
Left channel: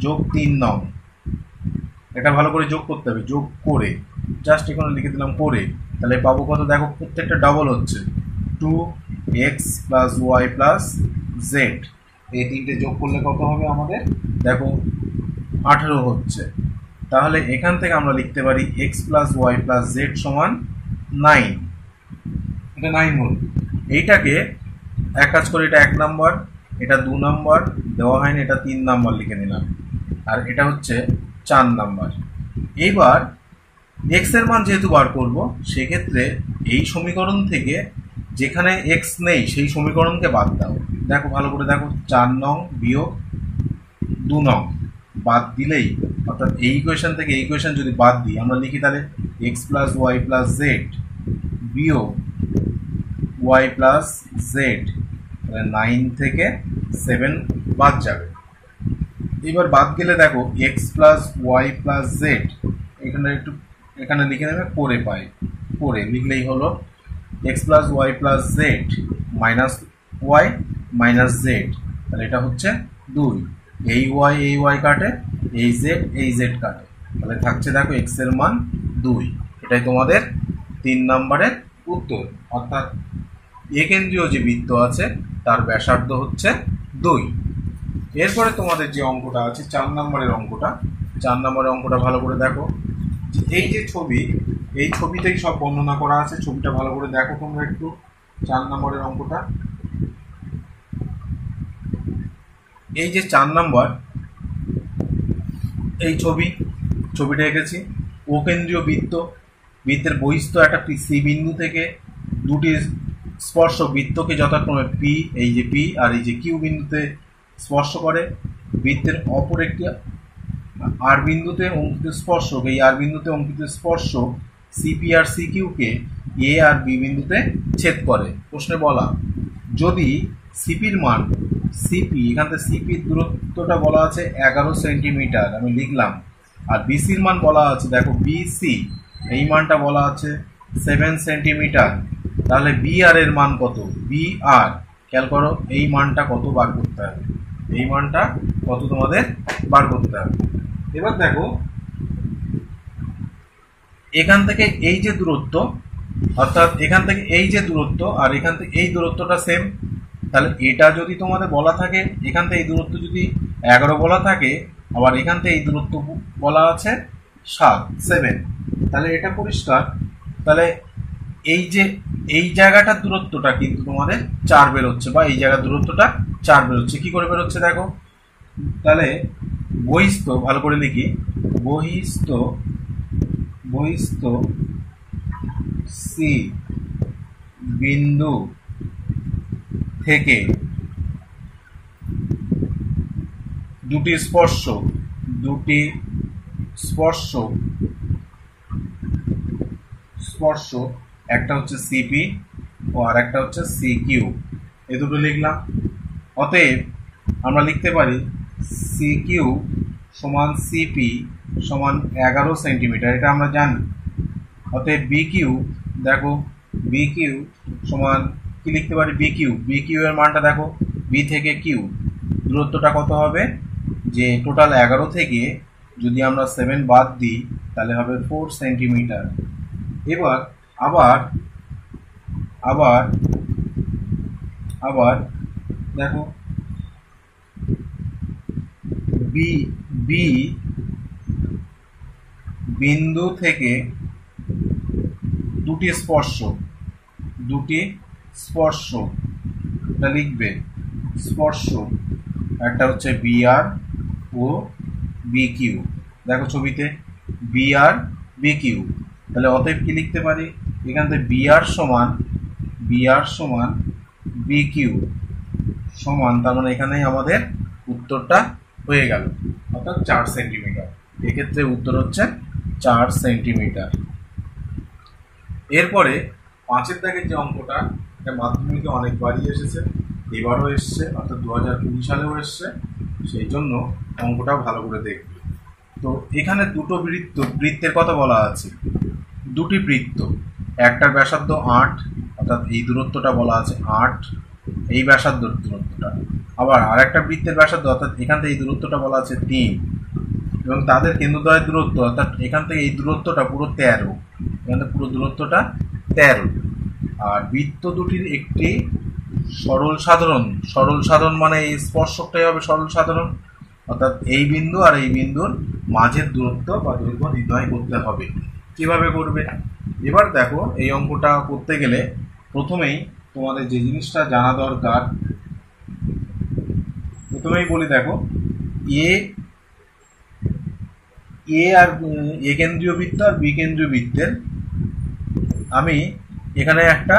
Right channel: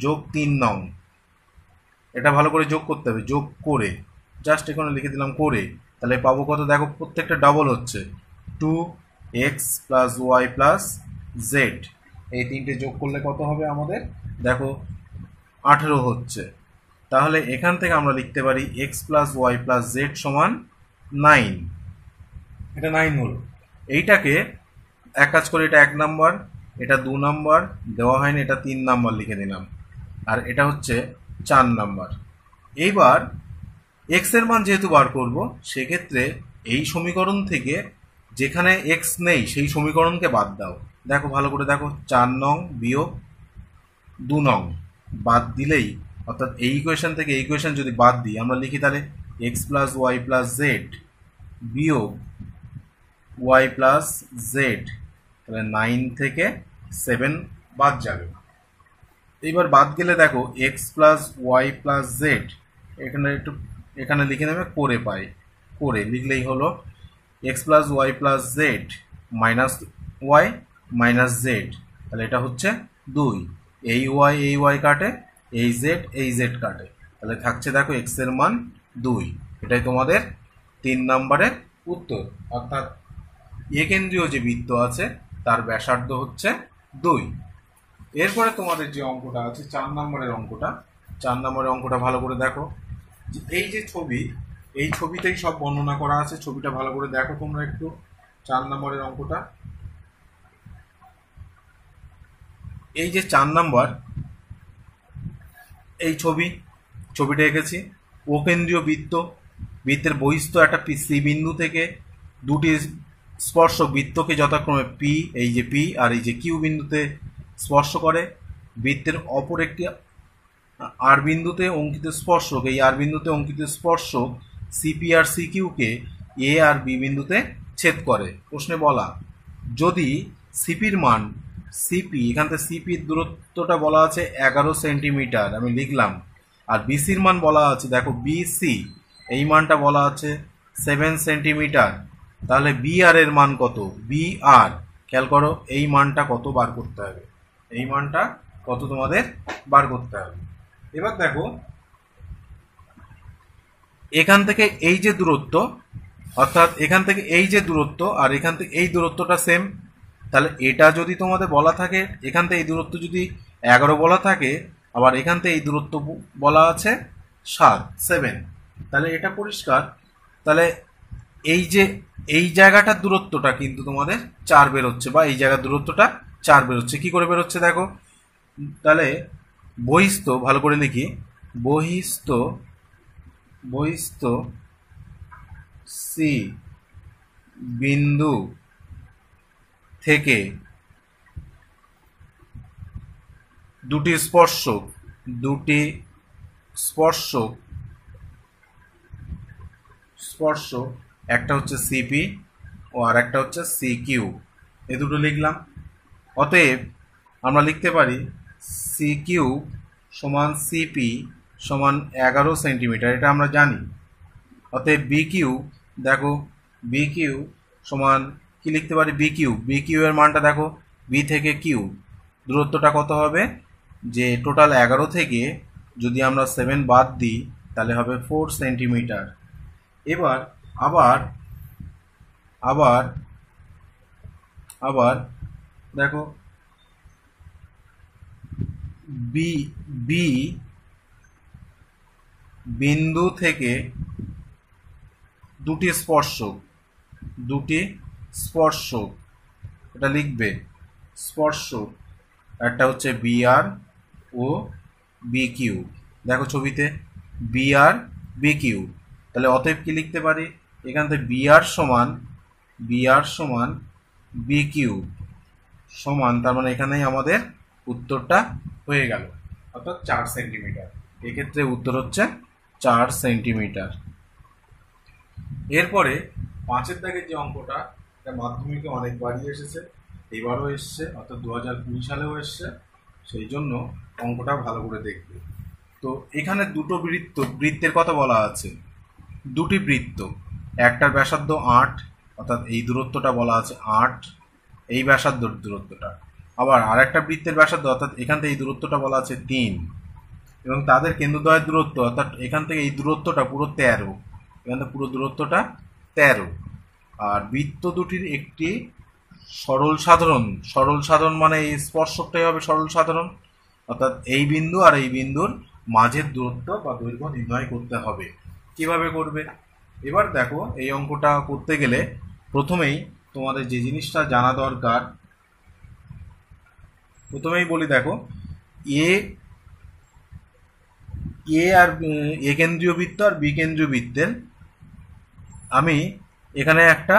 যোগ 3 নং, এটা ভালো করে যোগ করতে হবে। যোগ করে জাস্ট এখানে লিখে দিলাম করে, তাহলে পাবো কত দেখো, প্রত্যেকটা ডাবল হচ্ছে 2x plus Y plus Z. এই 3টে যোগ করলে কত হবে আমাদের দেখো 18 হচ্ছে। তাহলে এখান থেকে আমরা লিখতে পারি x plus Y plus Z সমান 9। এটা 9 হল। এইটাকে এক কাজ করে, এটা 1 নাম্বার, এটা 2 নাম্বার দেওয়া হয়নি, এটা 3 নাম্বার লিখে নিলাম, আর এটা হচ্ছে 4 নাম্বার। এইবার x এর মান যেহেতু বার করব, সেক্ষেত্রে এই সমীকরণ থেকে যেখানে x নেই সেই সমীকরণকে বাদ দাও। দেখো ভালো করে দেখো, 4 নং বিয়োগ 2 নং বাদ দিলেই, অর্থাৎ এই ইকুয়েশন থেকে এই ইকুয়েশন যদি বাদ দিই, আমরা লিখি তাহলে x plus Y plus Z বিয়োগ ওয়াই প্লাস জেড, তাহলে 9 থেকে 7 বাদ যাবে। এবার বাদ গেলে দেখো x plus Y plus Z, এখানে লিখে নেবে করে পাই, করে লিখলেই হলো x plus Y plus Z minus Y minus Z, তাহলে এটা হচ্ছে 2। এই ওয়াই কাটে, এই জেড কাটে, তাহলে থাকছে দেখো x এর মান 2। এটাই তোমাদের 3 নম্বরের উত্তর। অর্থাৎ এ কেন্দ্রীয় যে বৃত্ত আছে তার ব্যাসার্ধ হচ্ছে 2। এরপরে তোমাদের যে অঙ্কটা আছে 4 নম্বরের অঙ্কটা ভালো করে দেখো। এই যে ছবি, এই ছবিতেই সব বর্ণনা করা আছে। ছবিটা ভালো করে দেখো তোমরা একটু। 4 নম্বরের অঙ্কটা, এই যে 4 নম্বর, এই ছবিটা এঁকেছি। ও কেন্দ্রীয় বৃত্তের বহিস্থ একটা সি বিন্দু থেকে দুটি স্পর্শক বৃত্তকে যথাক্রমে পি, এই যে পি আর এই যে কিউ বিন্দুতে স্পর্শ করে। বৃত্তের অপর একটি আর বিন্দুতে অঙ্কিত স্পর্শক, এই আর বিন্দুতে অঙ্কিত স্পর্শক সিপি আর সিকিউকে এ আর বি বিন্দুতে ছেদ করে। প্রশ্নে বলা, যদি সিপির মান সিপি, এখান থেকে সিপির দূরত্বটা বলা আছে 11 সেন্টিমিটার, আমি লিখলাম। আর বিসির মান বলা আছে, দেখো বিসি এই মানটা বলা আছে 7 সেন্টিমিটার। তাহলে বিআর এর মান কত? বিআর খেয়াল করো, এই মানটা কত বার করতে হবে, এই মানটা কত তোমাদের বার করতে হবে। এবার দেখো এখান থেকে এই যে দূরত্ব, অর্থাৎ এখান থেকে এই যে দূরত্ব আর এখান থেকে এই দূরত্বটা সেম, তাহলে এটা যদি তোমাদের বলা থাকে, এখান থেকে এই দূরত্ব যদি 11 বলা থাকে, আবার এখান থেকে এই দূরত্ব বলা আছে 7, তাহলে এটা পরিষ্কার। তাহলে এই জায়গাটার দূরত্বটা কিন্তু তোমাদের 4 বেরোচ্ছে, বা এই জায়গার দূরত্বটা 4 বেরোচ্ছে। কি করে বেরোচ্ছে দেখো, তাহলে বহিস্থ, ভালো করে লিখি, বহিস্থ সি বিন্দু থেকে দুটি স্পর্শক একটা হচ্ছে সিপি ও আর একটা হচ্ছে সিকিউ, এ দুটো লিখলাম। অতএব আমরা লিখতে পারি সিকিউ সমান সিপি সমান 11 সেন্টিমিটার, এটা আমরা জানি। অতএব বিকিউ, দেখো বিকিউ সমান কি লিখতে পারি, বিকিউ এর মানটা দেখো, বি থেকে কিউ দূরত্বটা কত হবে, যে টোটাল 11 থেকে যদি আমরা 7 বাদ দিই তাহলে হবে 4 সেন্টিমিটার। এবার আবার দেখো বি বিন্দু থেকে দুটি স্পর্শক, এটা লিখবে স্পর্শক, একটা হচ্ছে বিআর ও বিকিউ, দেখো ছবিতে বিআর বিকিউ। তাহলে অতএব কি লিখতে পারি, এখান থেকে বিআর সমান বিকিউ সমান, তার মানে এখানেই আমাদের উত্তরটা হয়ে গেল, অর্থাৎ 4 সেন্টিমিটার। এক্ষেত্রে উত্তর হচ্ছে 4 সেন্টিমিটার। এরপরে 5-এর দাগের যে অঙ্কটা, এটা মাধ্যমিকে অনেকবারই এসেছে, এবারও এসছে, অর্থাৎ 2020 সালেও এসছে, সেই জন্য অঙ্কটা ভালো করে দেখবে। তো এখানে দুটো বৃত্তের কথা বলা আছে, দুটি বৃত্ত, একটার ব্যাসার্ধ 8, অর্থাৎ এই দূরত্বটা বলা আছে 8, এই ব্যাসার্ধ দূরত্বটা। আবার আরেকটা বৃত্তের ব্যাসার্ধ, অর্থাৎ এখান থেকে এই দূরত্বটা বলা আছে 3, এবং তাদের কেন্দ্রদ্বয়ের দূরত্ব, অর্থাৎ এখান থেকে এই দূরত্বটা পুরো 13, এখান থেকে পুরো দূরত্বটা 13। আর বৃত্ত দুটির একটি সরল সাধারণ মানে এই স্পর্শকটাই হবে সরল সাধারণ, অর্থাৎ এই বিন্দু আর এই বিন্দুর মাঝের দূরত্ব বা দৈর্ঘ্য নির্ণয় করতে হবে। কিভাবে করবে, এবার দেখো এই অঙ্কটা করতে গেলে প্রথমেই তোমাদের যে জিনিসটা জানা দরকার, প্রথমেই বলি দেখো এ আর এ কেন্দ্রীয় বৃত্ত আর বি কেন্দ্রীয় বৃত্তের, আমি এখানে একটা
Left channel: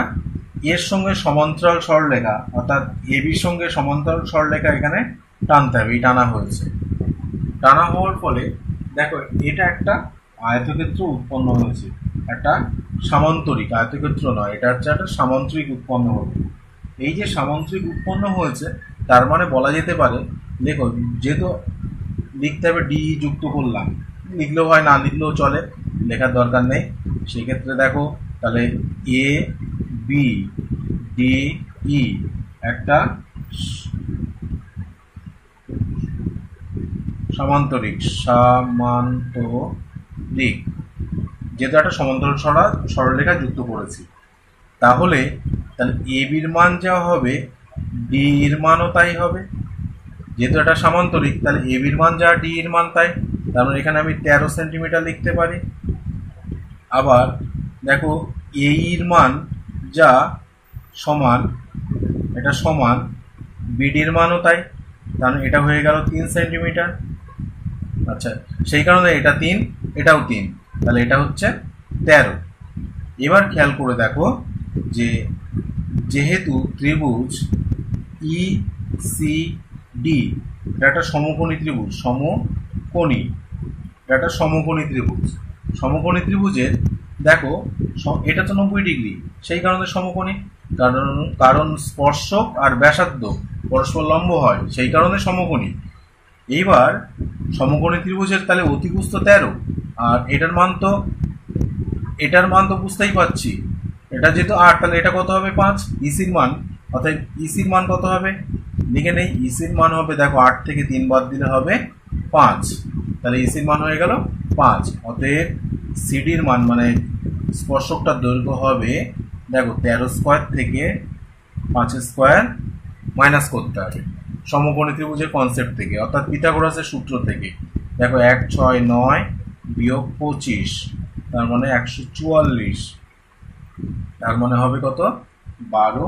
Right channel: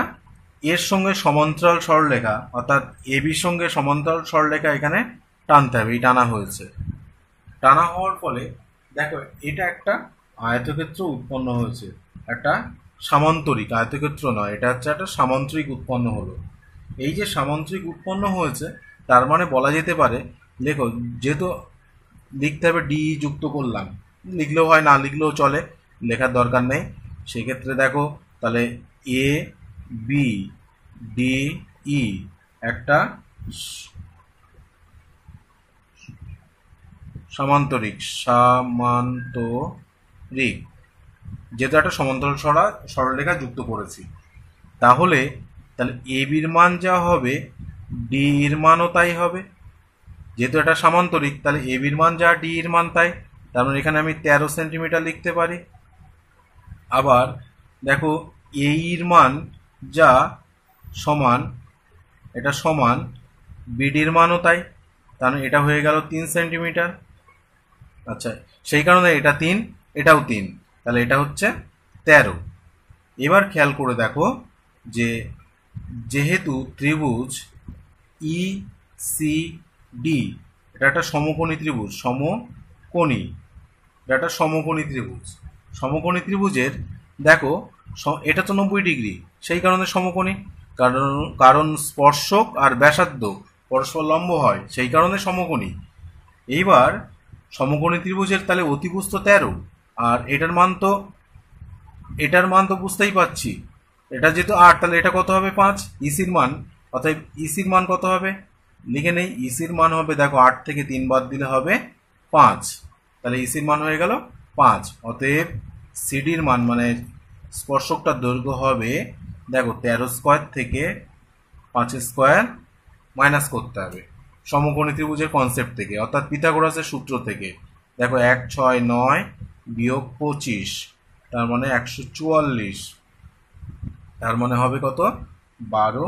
এর সঙ্গে সমান্তরাল সরলরেখা, অর্থাৎ এ বির সঙ্গে সমান্তরাল সরলরেখা এখানে টানতে হবে। এই টানা হয়েছে, টানা হওয়ার ফলে দেখো এটা একটা আয়তক্ষেত্র উৎপন্ন হয়েছে, একটা সামান্তরিক, আয়তক্ষেত্র নয়, এটা হচ্ছে একটা সামান্তরিক উৎপন্ন হলো। এই যে সামান্তরিক উৎপন্ন হয়েছে, তার মানে বলা যেতে পারে, দেখো যেহেতু লিখতে হবে ডি যুক্ত করলাম, লিখলেও হয় না লিখলেও চলে, লেখার দরকার নেই। সেক্ষেত্রে দেখো তাহলে এ বি ডি ই একটা সামান্তরিক, যেহেতু একটা সমান্তরাল সরলরেখা যুক্ত করেছি, তাহলে এ বির মান যা হবে ডি এর মানও তাই হবে। যেহেতু এটা সামান্তরিক, তাহলে এ বির মান যা ডি এর মান তাই, তার মানে এখানে আমি 13 সেন্টিমিটার লিখতে পারি। আবার দেখো এ এর মান যা সমান, এটা সমান বিডির মানও তাই, তার মানে এটা হয়ে গেল 3 সেন্টিমিটার। আচ্ছা, সেই কারণে এটা 3, এটাও 3, তাহলে এটা হচ্ছে 13। এবার খেয়াল করে দেখো যে যেহেতু ত্রিভুজ ই সি ডি এটা একটা সমকোণী ত্রিভুজ, এটা একটা সমকোণী ত্রিভুজের দেখো এটা তো 90 ডিগ্রি, সেই কারণে সমকোণী, কারণ স্পর্শক আর ব্যাসার্ধ পরস্পর লম্ব হয়, সেই কারণে সমকোণী। এইবার সমকোণী ত্রিভুজের তাহলে অতিভুজ তো 13, আর এটার মান তো বুঝতেই পারছি, এটা যেহেতু 8, তাহলে এটা কত হবে 5। ইসির মান, অর্থাৎ ইসির মান কত হবে লিখে নেই। ইসির মান হবে, দেখো 8 থেকে 3 বাদ দিলে হবে 5, তাহলে ইসির মান হয়ে গেল 5। অতএব সিডির মান মানে স্পর্শকটার দৈর্ঘ্য হবে, দেখো 13 স্কোয়ার থেকে 5 স্কোয়ার মাইনাস করতে হবে সমকোণী ত্রিভুজের কনসেপ্ট থেকে, অর্থাৎ পিথাগোরাসের সূত্র থেকে। দেখো 1 6 9 বিয়োগ 25, তার মানে 144, তার মানে হবে কত 12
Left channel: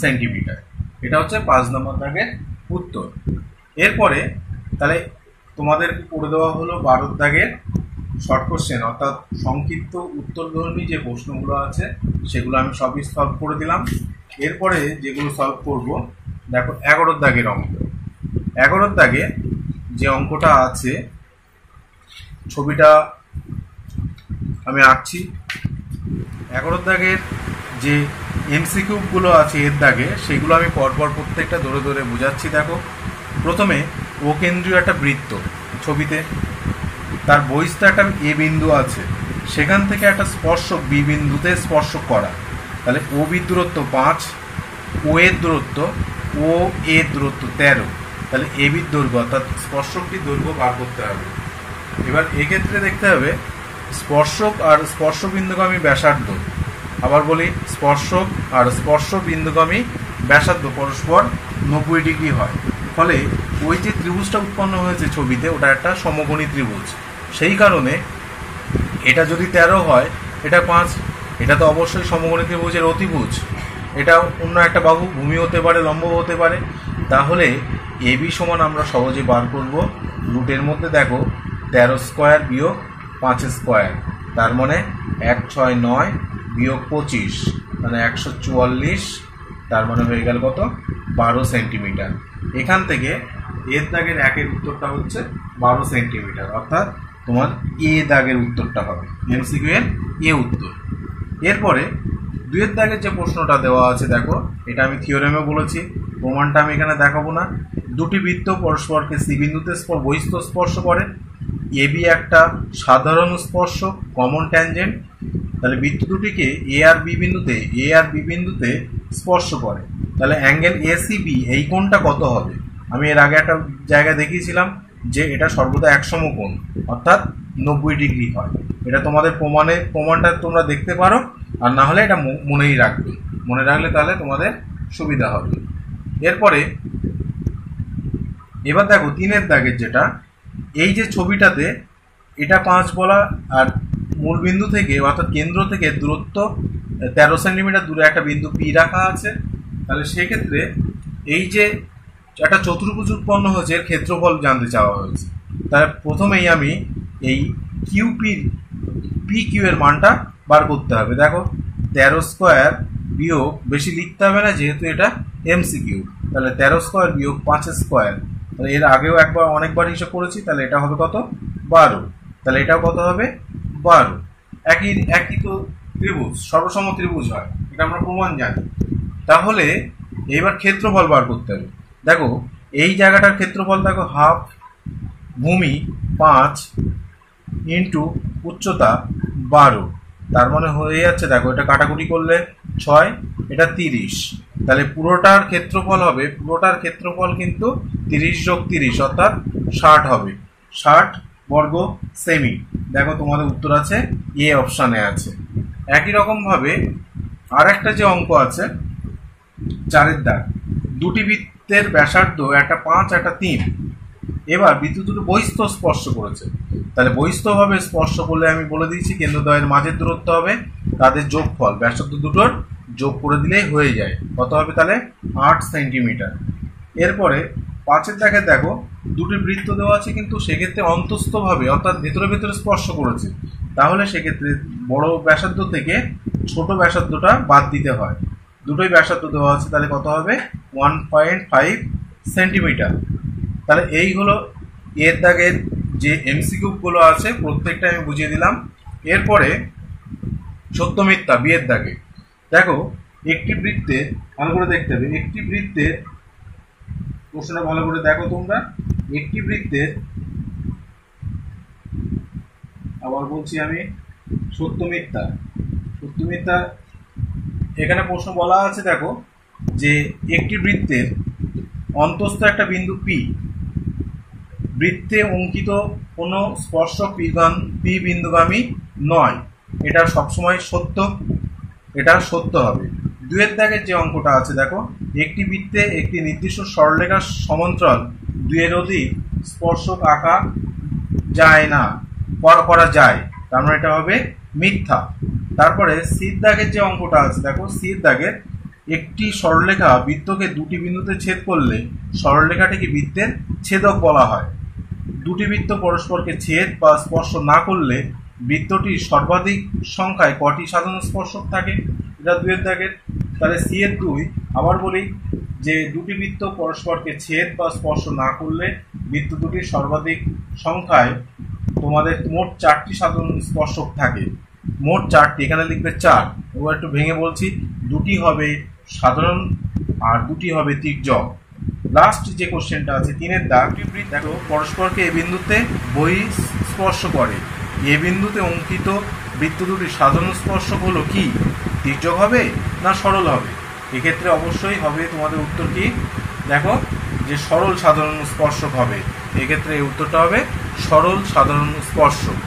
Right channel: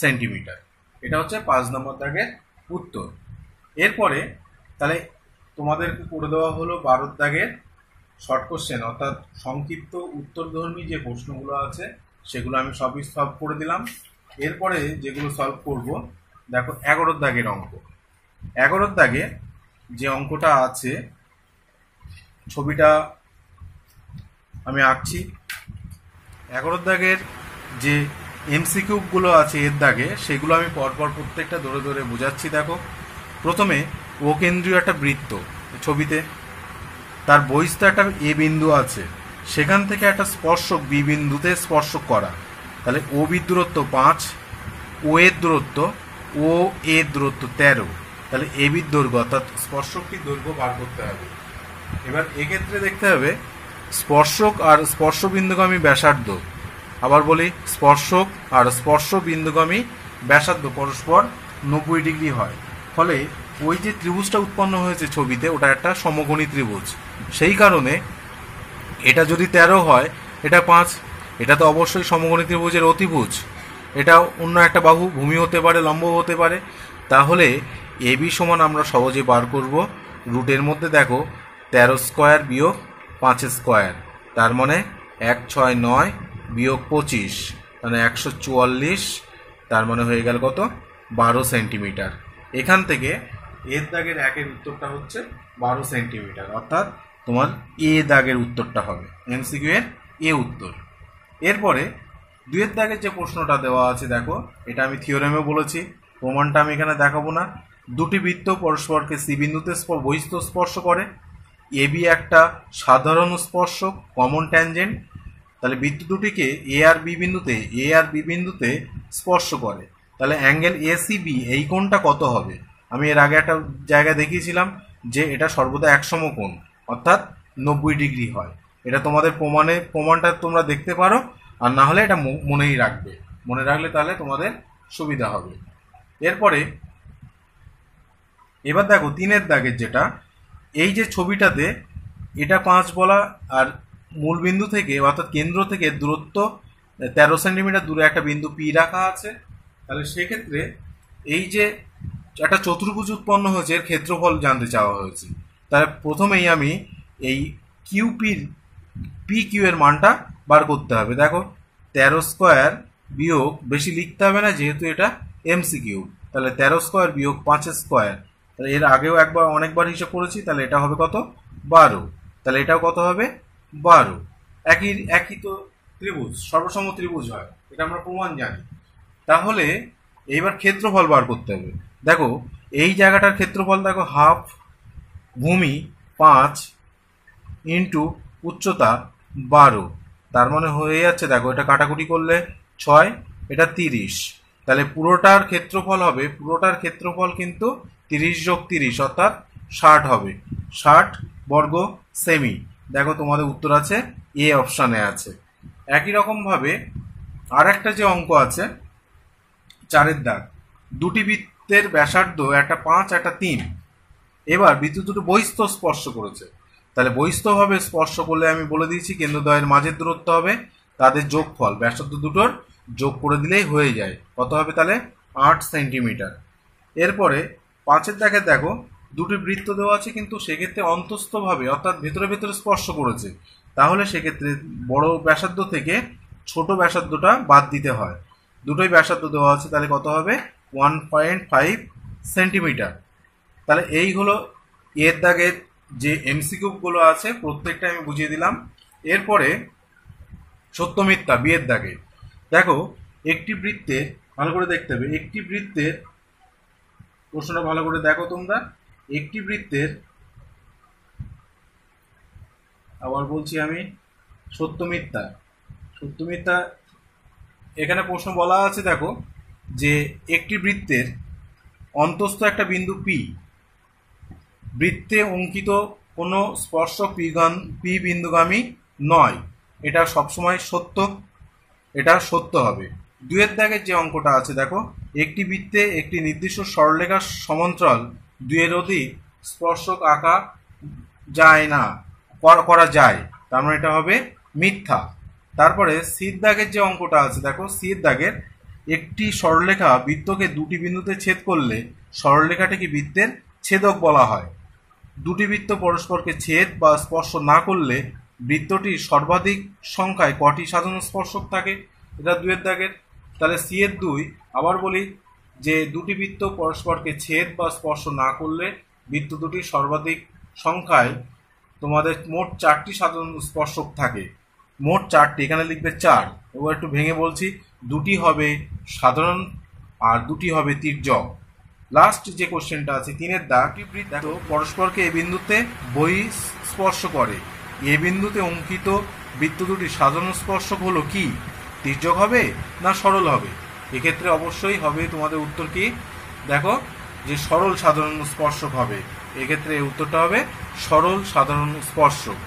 সেন্টিমিটার। এটা হচ্ছে 5 নম্বর দাগের উত্তর। এরপরে তাহলে তোমাদের করে দেওয়া হলো 12 দাগের শর্ট কোশ্চেন, অর্থাৎ সংক্ষিপ্ত উত্তরধর্মী যে প্রশ্নগুলো আছে সেগুলো আমি সবই সলভ করে দিলাম। এরপরে যেগুলো সলভ করব, দেখো 11 দাগের অঙ্ক। 11 দাগে যে অঙ্কটা আছে, ছবিটা আমি আঁকছি। 11 দাগের যে এমসিকিউগুলো আছে এর দাগে, সেগুলো আমি পরপর প্রত্যেকটা ধরে ধরে বোঝাচ্ছি। দেখো প্রথমে ও কেন্দ্রীয় একটা বৃত্ত ছবিতে, তার বহিস্থ একটা এ বিন্দু আছে, সেখান থেকে একটা স্পর্শক বি বিন্দুতে স্পর্শক করা। তাহলে ও বির দূরত্ব 5, ও এর দূরত্ব 13, তাহলে এ বির দৈর্ঘ্য অর্থাৎ স্পর্শকটির দৈর্ঘ্য বার করতে হবে। এবার এক্ষেত্রে দেখতে হবে স্পর্শক আর স্পর্শ বিন্দুগামী ব্যাসার্ধ, আবার বলি স্পর্শক আর স্পর্শ বিন্দুগামী ব্যাসার্ধ পরস্পর 90 ডিগ্রি হয়। ফলে ওই যে ত্রিভুজটা উৎপন্ন হয়েছে ছবিতে, ওটা একটা সমকোণী ত্রিভুজ। সেই কারণে এটা যদি 13 হয়, এটা 5, এটা তো অবশ্যই সমকোণী ত্রিভুজের অতিভুজ। এটা অন্য একটা বাহু, ভূমি হতে পারে, লম্ব হতে পারে। তাহলে এ বি সমান আমরা সহজে বার করব রুটের মধ্যে। দেখো 13 স্কোয়ার বিয়োগ 5 স্কোয়ার, তার মানে 1 6 9 বিয়োগ 25, মানে 144, তার মানে হয়ে গেল কত 12 সেন্টিমিটার। এখান থেকে এর দাগের একের উত্তরটা হচ্ছে 12 সেন্টিমিটার, অর্থাৎ তোমার এ দাগের উত্তরটা হবে এমসিকিউ এর এ উত্তর। এরপরে 2 দাগের যে প্রশ্নটা দেওয়া আছে, দেখো এটা আমি থিওরেমে বলেছি, প্রমাণটা আমি এখানে দেখাবো না। দুটি বৃত্ত পরস্পরকে সি বিন্দুতে বহিস্থ স্পর্শ করে, এ বি একটা সাধারণ স্পর্শক, কমন ট্যানজেন্ট। তাহলে বৃত্ত দুটিকে এ আর বি বিন্দুতে স্পর্শ করে। তাহলে অ্যাঙ্গেল এ সি বি, এই কোণটা কত হবে? আমি এর আগে একটা জায়গা দেখিয়েছিলাম যে এটা সর্বদা এক সমকোণ, অর্থাৎ 90 ডিগ্রি হয়। এটা তোমাদের প্রমাণটা তোমরা দেখতে পারো, আর না হলে এটা মনে রাখলে তাহলে তোমাদের সুবিধা হবে। এরপরে এবার দেখো 3 দাগের যেটা, এই যে ছবিটাতে এটা 5 বলা, আর মূল বিন্দু থেকে অর্থাৎ কেন্দ্র থেকে দূরত্ব 13 সেন্টিমিটার দূরে একটা বিন্দু পি রাখা আছে। তাহলে সেক্ষেত্রে এই যে একটা চতুর্ভুজ উৎপন্ন হয়েছে, এর ক্ষেত্রফল জানতে চাওয়া হয়েছে। তাহলে প্রথমেই আমি এই পি কিউ এর মানটা বার করতে হবে। দেখো 13 স্কোয়ার বিয়োগ, বেশি লিখতে হবে না যেহেতু এটা এমসিকিউ, তাহলে 13 স্কোয়ার বিয়োগ 5 স্কোয়ার, তাহলে এর আগেও অনেকবার হিসাব করেছি, তাহলে এটা হবে কত 12, তাহলে এটাও কত হবে 12। একই তো ত্রিভুজ, সর্বসম ত্রিভুজ হয়, এটা আমরা প্রমাণ জানি। তাহলে এইবার ক্ষেত্রফল বার করতে হবে। দেখো এই জায়গাটার ক্ষেত্রফল দেখো হাফ, ভূমি 5 ইন্টু উচ্চতা 12, তার মানে হয়ে যাচ্ছে, দেখো এটা কাটাকুটি করলে 6, এটা 30, তাহলে পুরোটার ক্ষেত্রফল কিন্তু 30 যোগ 30 অর্থাৎ 60 হবে, 60 বর্গ সেমি। দেখো তোমাদের উত্তর আছে এ অপশানে আছে। একই রকম ভাবে আর একটা যে অঙ্ক আছে 4 দাগ, দুটি বৃত্তের ব্যাসার্ধ একটা 5 একটা 3। এবার বৃত্ত দুটো বহিস্থ স্পর্শ করেছে। তাহলে বহিস্থভাবে স্পর্শ করলে আমি বলে দিয়েছি কেন্দ্রদ্বয়ের মাঝের দূরত্ব হবে তাদের যোগফল, ব্যাসার্ধ দুটোর যোগ করে দিলেই হয়ে যায়। কত হবে তাহলে 8 সেন্টিমিটার। এরপরে 5 দাগে দেখো দুটি বৃত্ত দেওয়া আছে, কিন্তু সেক্ষেত্রে অন্তস্থভাবে অর্থাৎ ভেতরে স্পর্শ করেছে। তাহলে সেক্ষেত্রে বড় ব্যাসার্ধ থেকে ছোট ব্যাসার্ধটা বাদ দিতে হয়। দুটোই ব্যাসার্ধ দেওয়া আছে, তাহলে কত হবে 1.5 সেন্টিমিটার। তাহলে এই হলো এর দাগের যে এমসিকিউগুলো আছে প্রত্যেকটা আমি বুঝিয়ে দিলাম। এরপরে সত্য মিথ্যা বিয়ের দাগে, দেখো একটি বৃত্তের, ভালো করে দেখতে হবে, একটি বৃত্তের প্রশ্নটা ভালো করে দেখো তোমরা। একটি বৃত্তের, আবার বলছি আমি, সত্য মিথ্যা, সত্য মিথ্যা এখানে প্রশ্ন বলা আছে। দেখো যে একটি বৃত্তের অন্তস্থ একটা বিন্দু পি, বৃত্তে অঙ্কিত কোনো স্পর্শক পি বিন্দুগামী নয়, এটা সবসময় সত্য, এটা সত্য হবে। দুয়ের দাগের যে অঙ্কটা আছে দেখো, একটি বৃত্তে একটি নির্দিষ্ট সরলরেখার সমান্তরাল দুয়ের অধিক স্পর্শক আঁকা যায় না, করা যায়, তার মানে এটা হবে মিথ্যা। তারপরে সির দাগের যে অঙ্কটা আছে দেখো, সির দাগের একটি সরলরেখা বৃত্তকে দুটি বিন্দুতে ছেদ করলে সরলরেখাটিকে বৃত্তের ছেদক বলা হয়। দুটি বৃত্ত পরস্পরকে ছেদ বা স্পর্শ না করলে বৃত্তটির সর্বাধিক সংখ্যায় কটি সাধারণ স্পর্শক থাকে, এটা দুয়ের দাগের। তাহলে সি এর 2, আবার বলি যে দুটি বৃত্ত পরস্পরকে ছেদ বা স্পর্শ না করলে বৃত্ত দুটির সর্বাধিক সংখ্যায় তোমাদের মোট 4টি সাধারণ স্পর্শক থাকে, মোট 4টি, এখানে লিখবে 4। এবার একটু ভেঙে বলছি, দুটি হবে সাধারণ আর দুটি হবে তির্যক। লাস্ট যে কোশ্চেনটা আছে 3-এর দাগ, দেখো পরস্পরকে এ বিন্দুতে স্পর্শ করে, এ বিন্দুতে অঙ্কিত বৃত্ত দুটি সাধারণ স্পর্শক হলো কি, তির্যক হবে না সরল হবে? এক্ষেত্রে অবশ্যই হবে তোমাদের উত্তর কি, দেখো যে সরল সাধারণ স্পর্শক হবে। এক্ষেত্রে এই উত্তরটা হবে সরল সাধারণ স্পর্শক।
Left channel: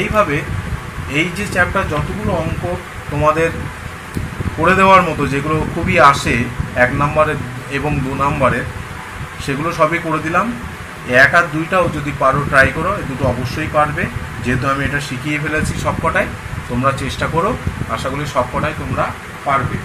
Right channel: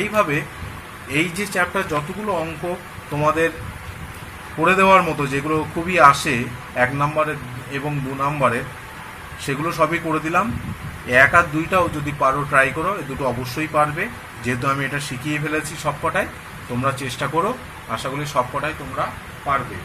এইভাবে এই যে চ্যাপ্টার যতগুলো অঙ্ক তোমাদের করে দেওয়ার মতো, যেগুলো খুবই আসে 1 নম্বরের এবং 2 নম্বরের, সেগুলো সবই করে দিলাম। 1 আর 2টাও যদি পারো ট্রাই করো, এই দুটো অবশ্যই পারবে, যেহেতু আমি এটা শিখিয়ে ফেলেছি সবকটাই। তোমরা চেষ্টা করো, আশা করি সবকটাই তোমরা পারবে।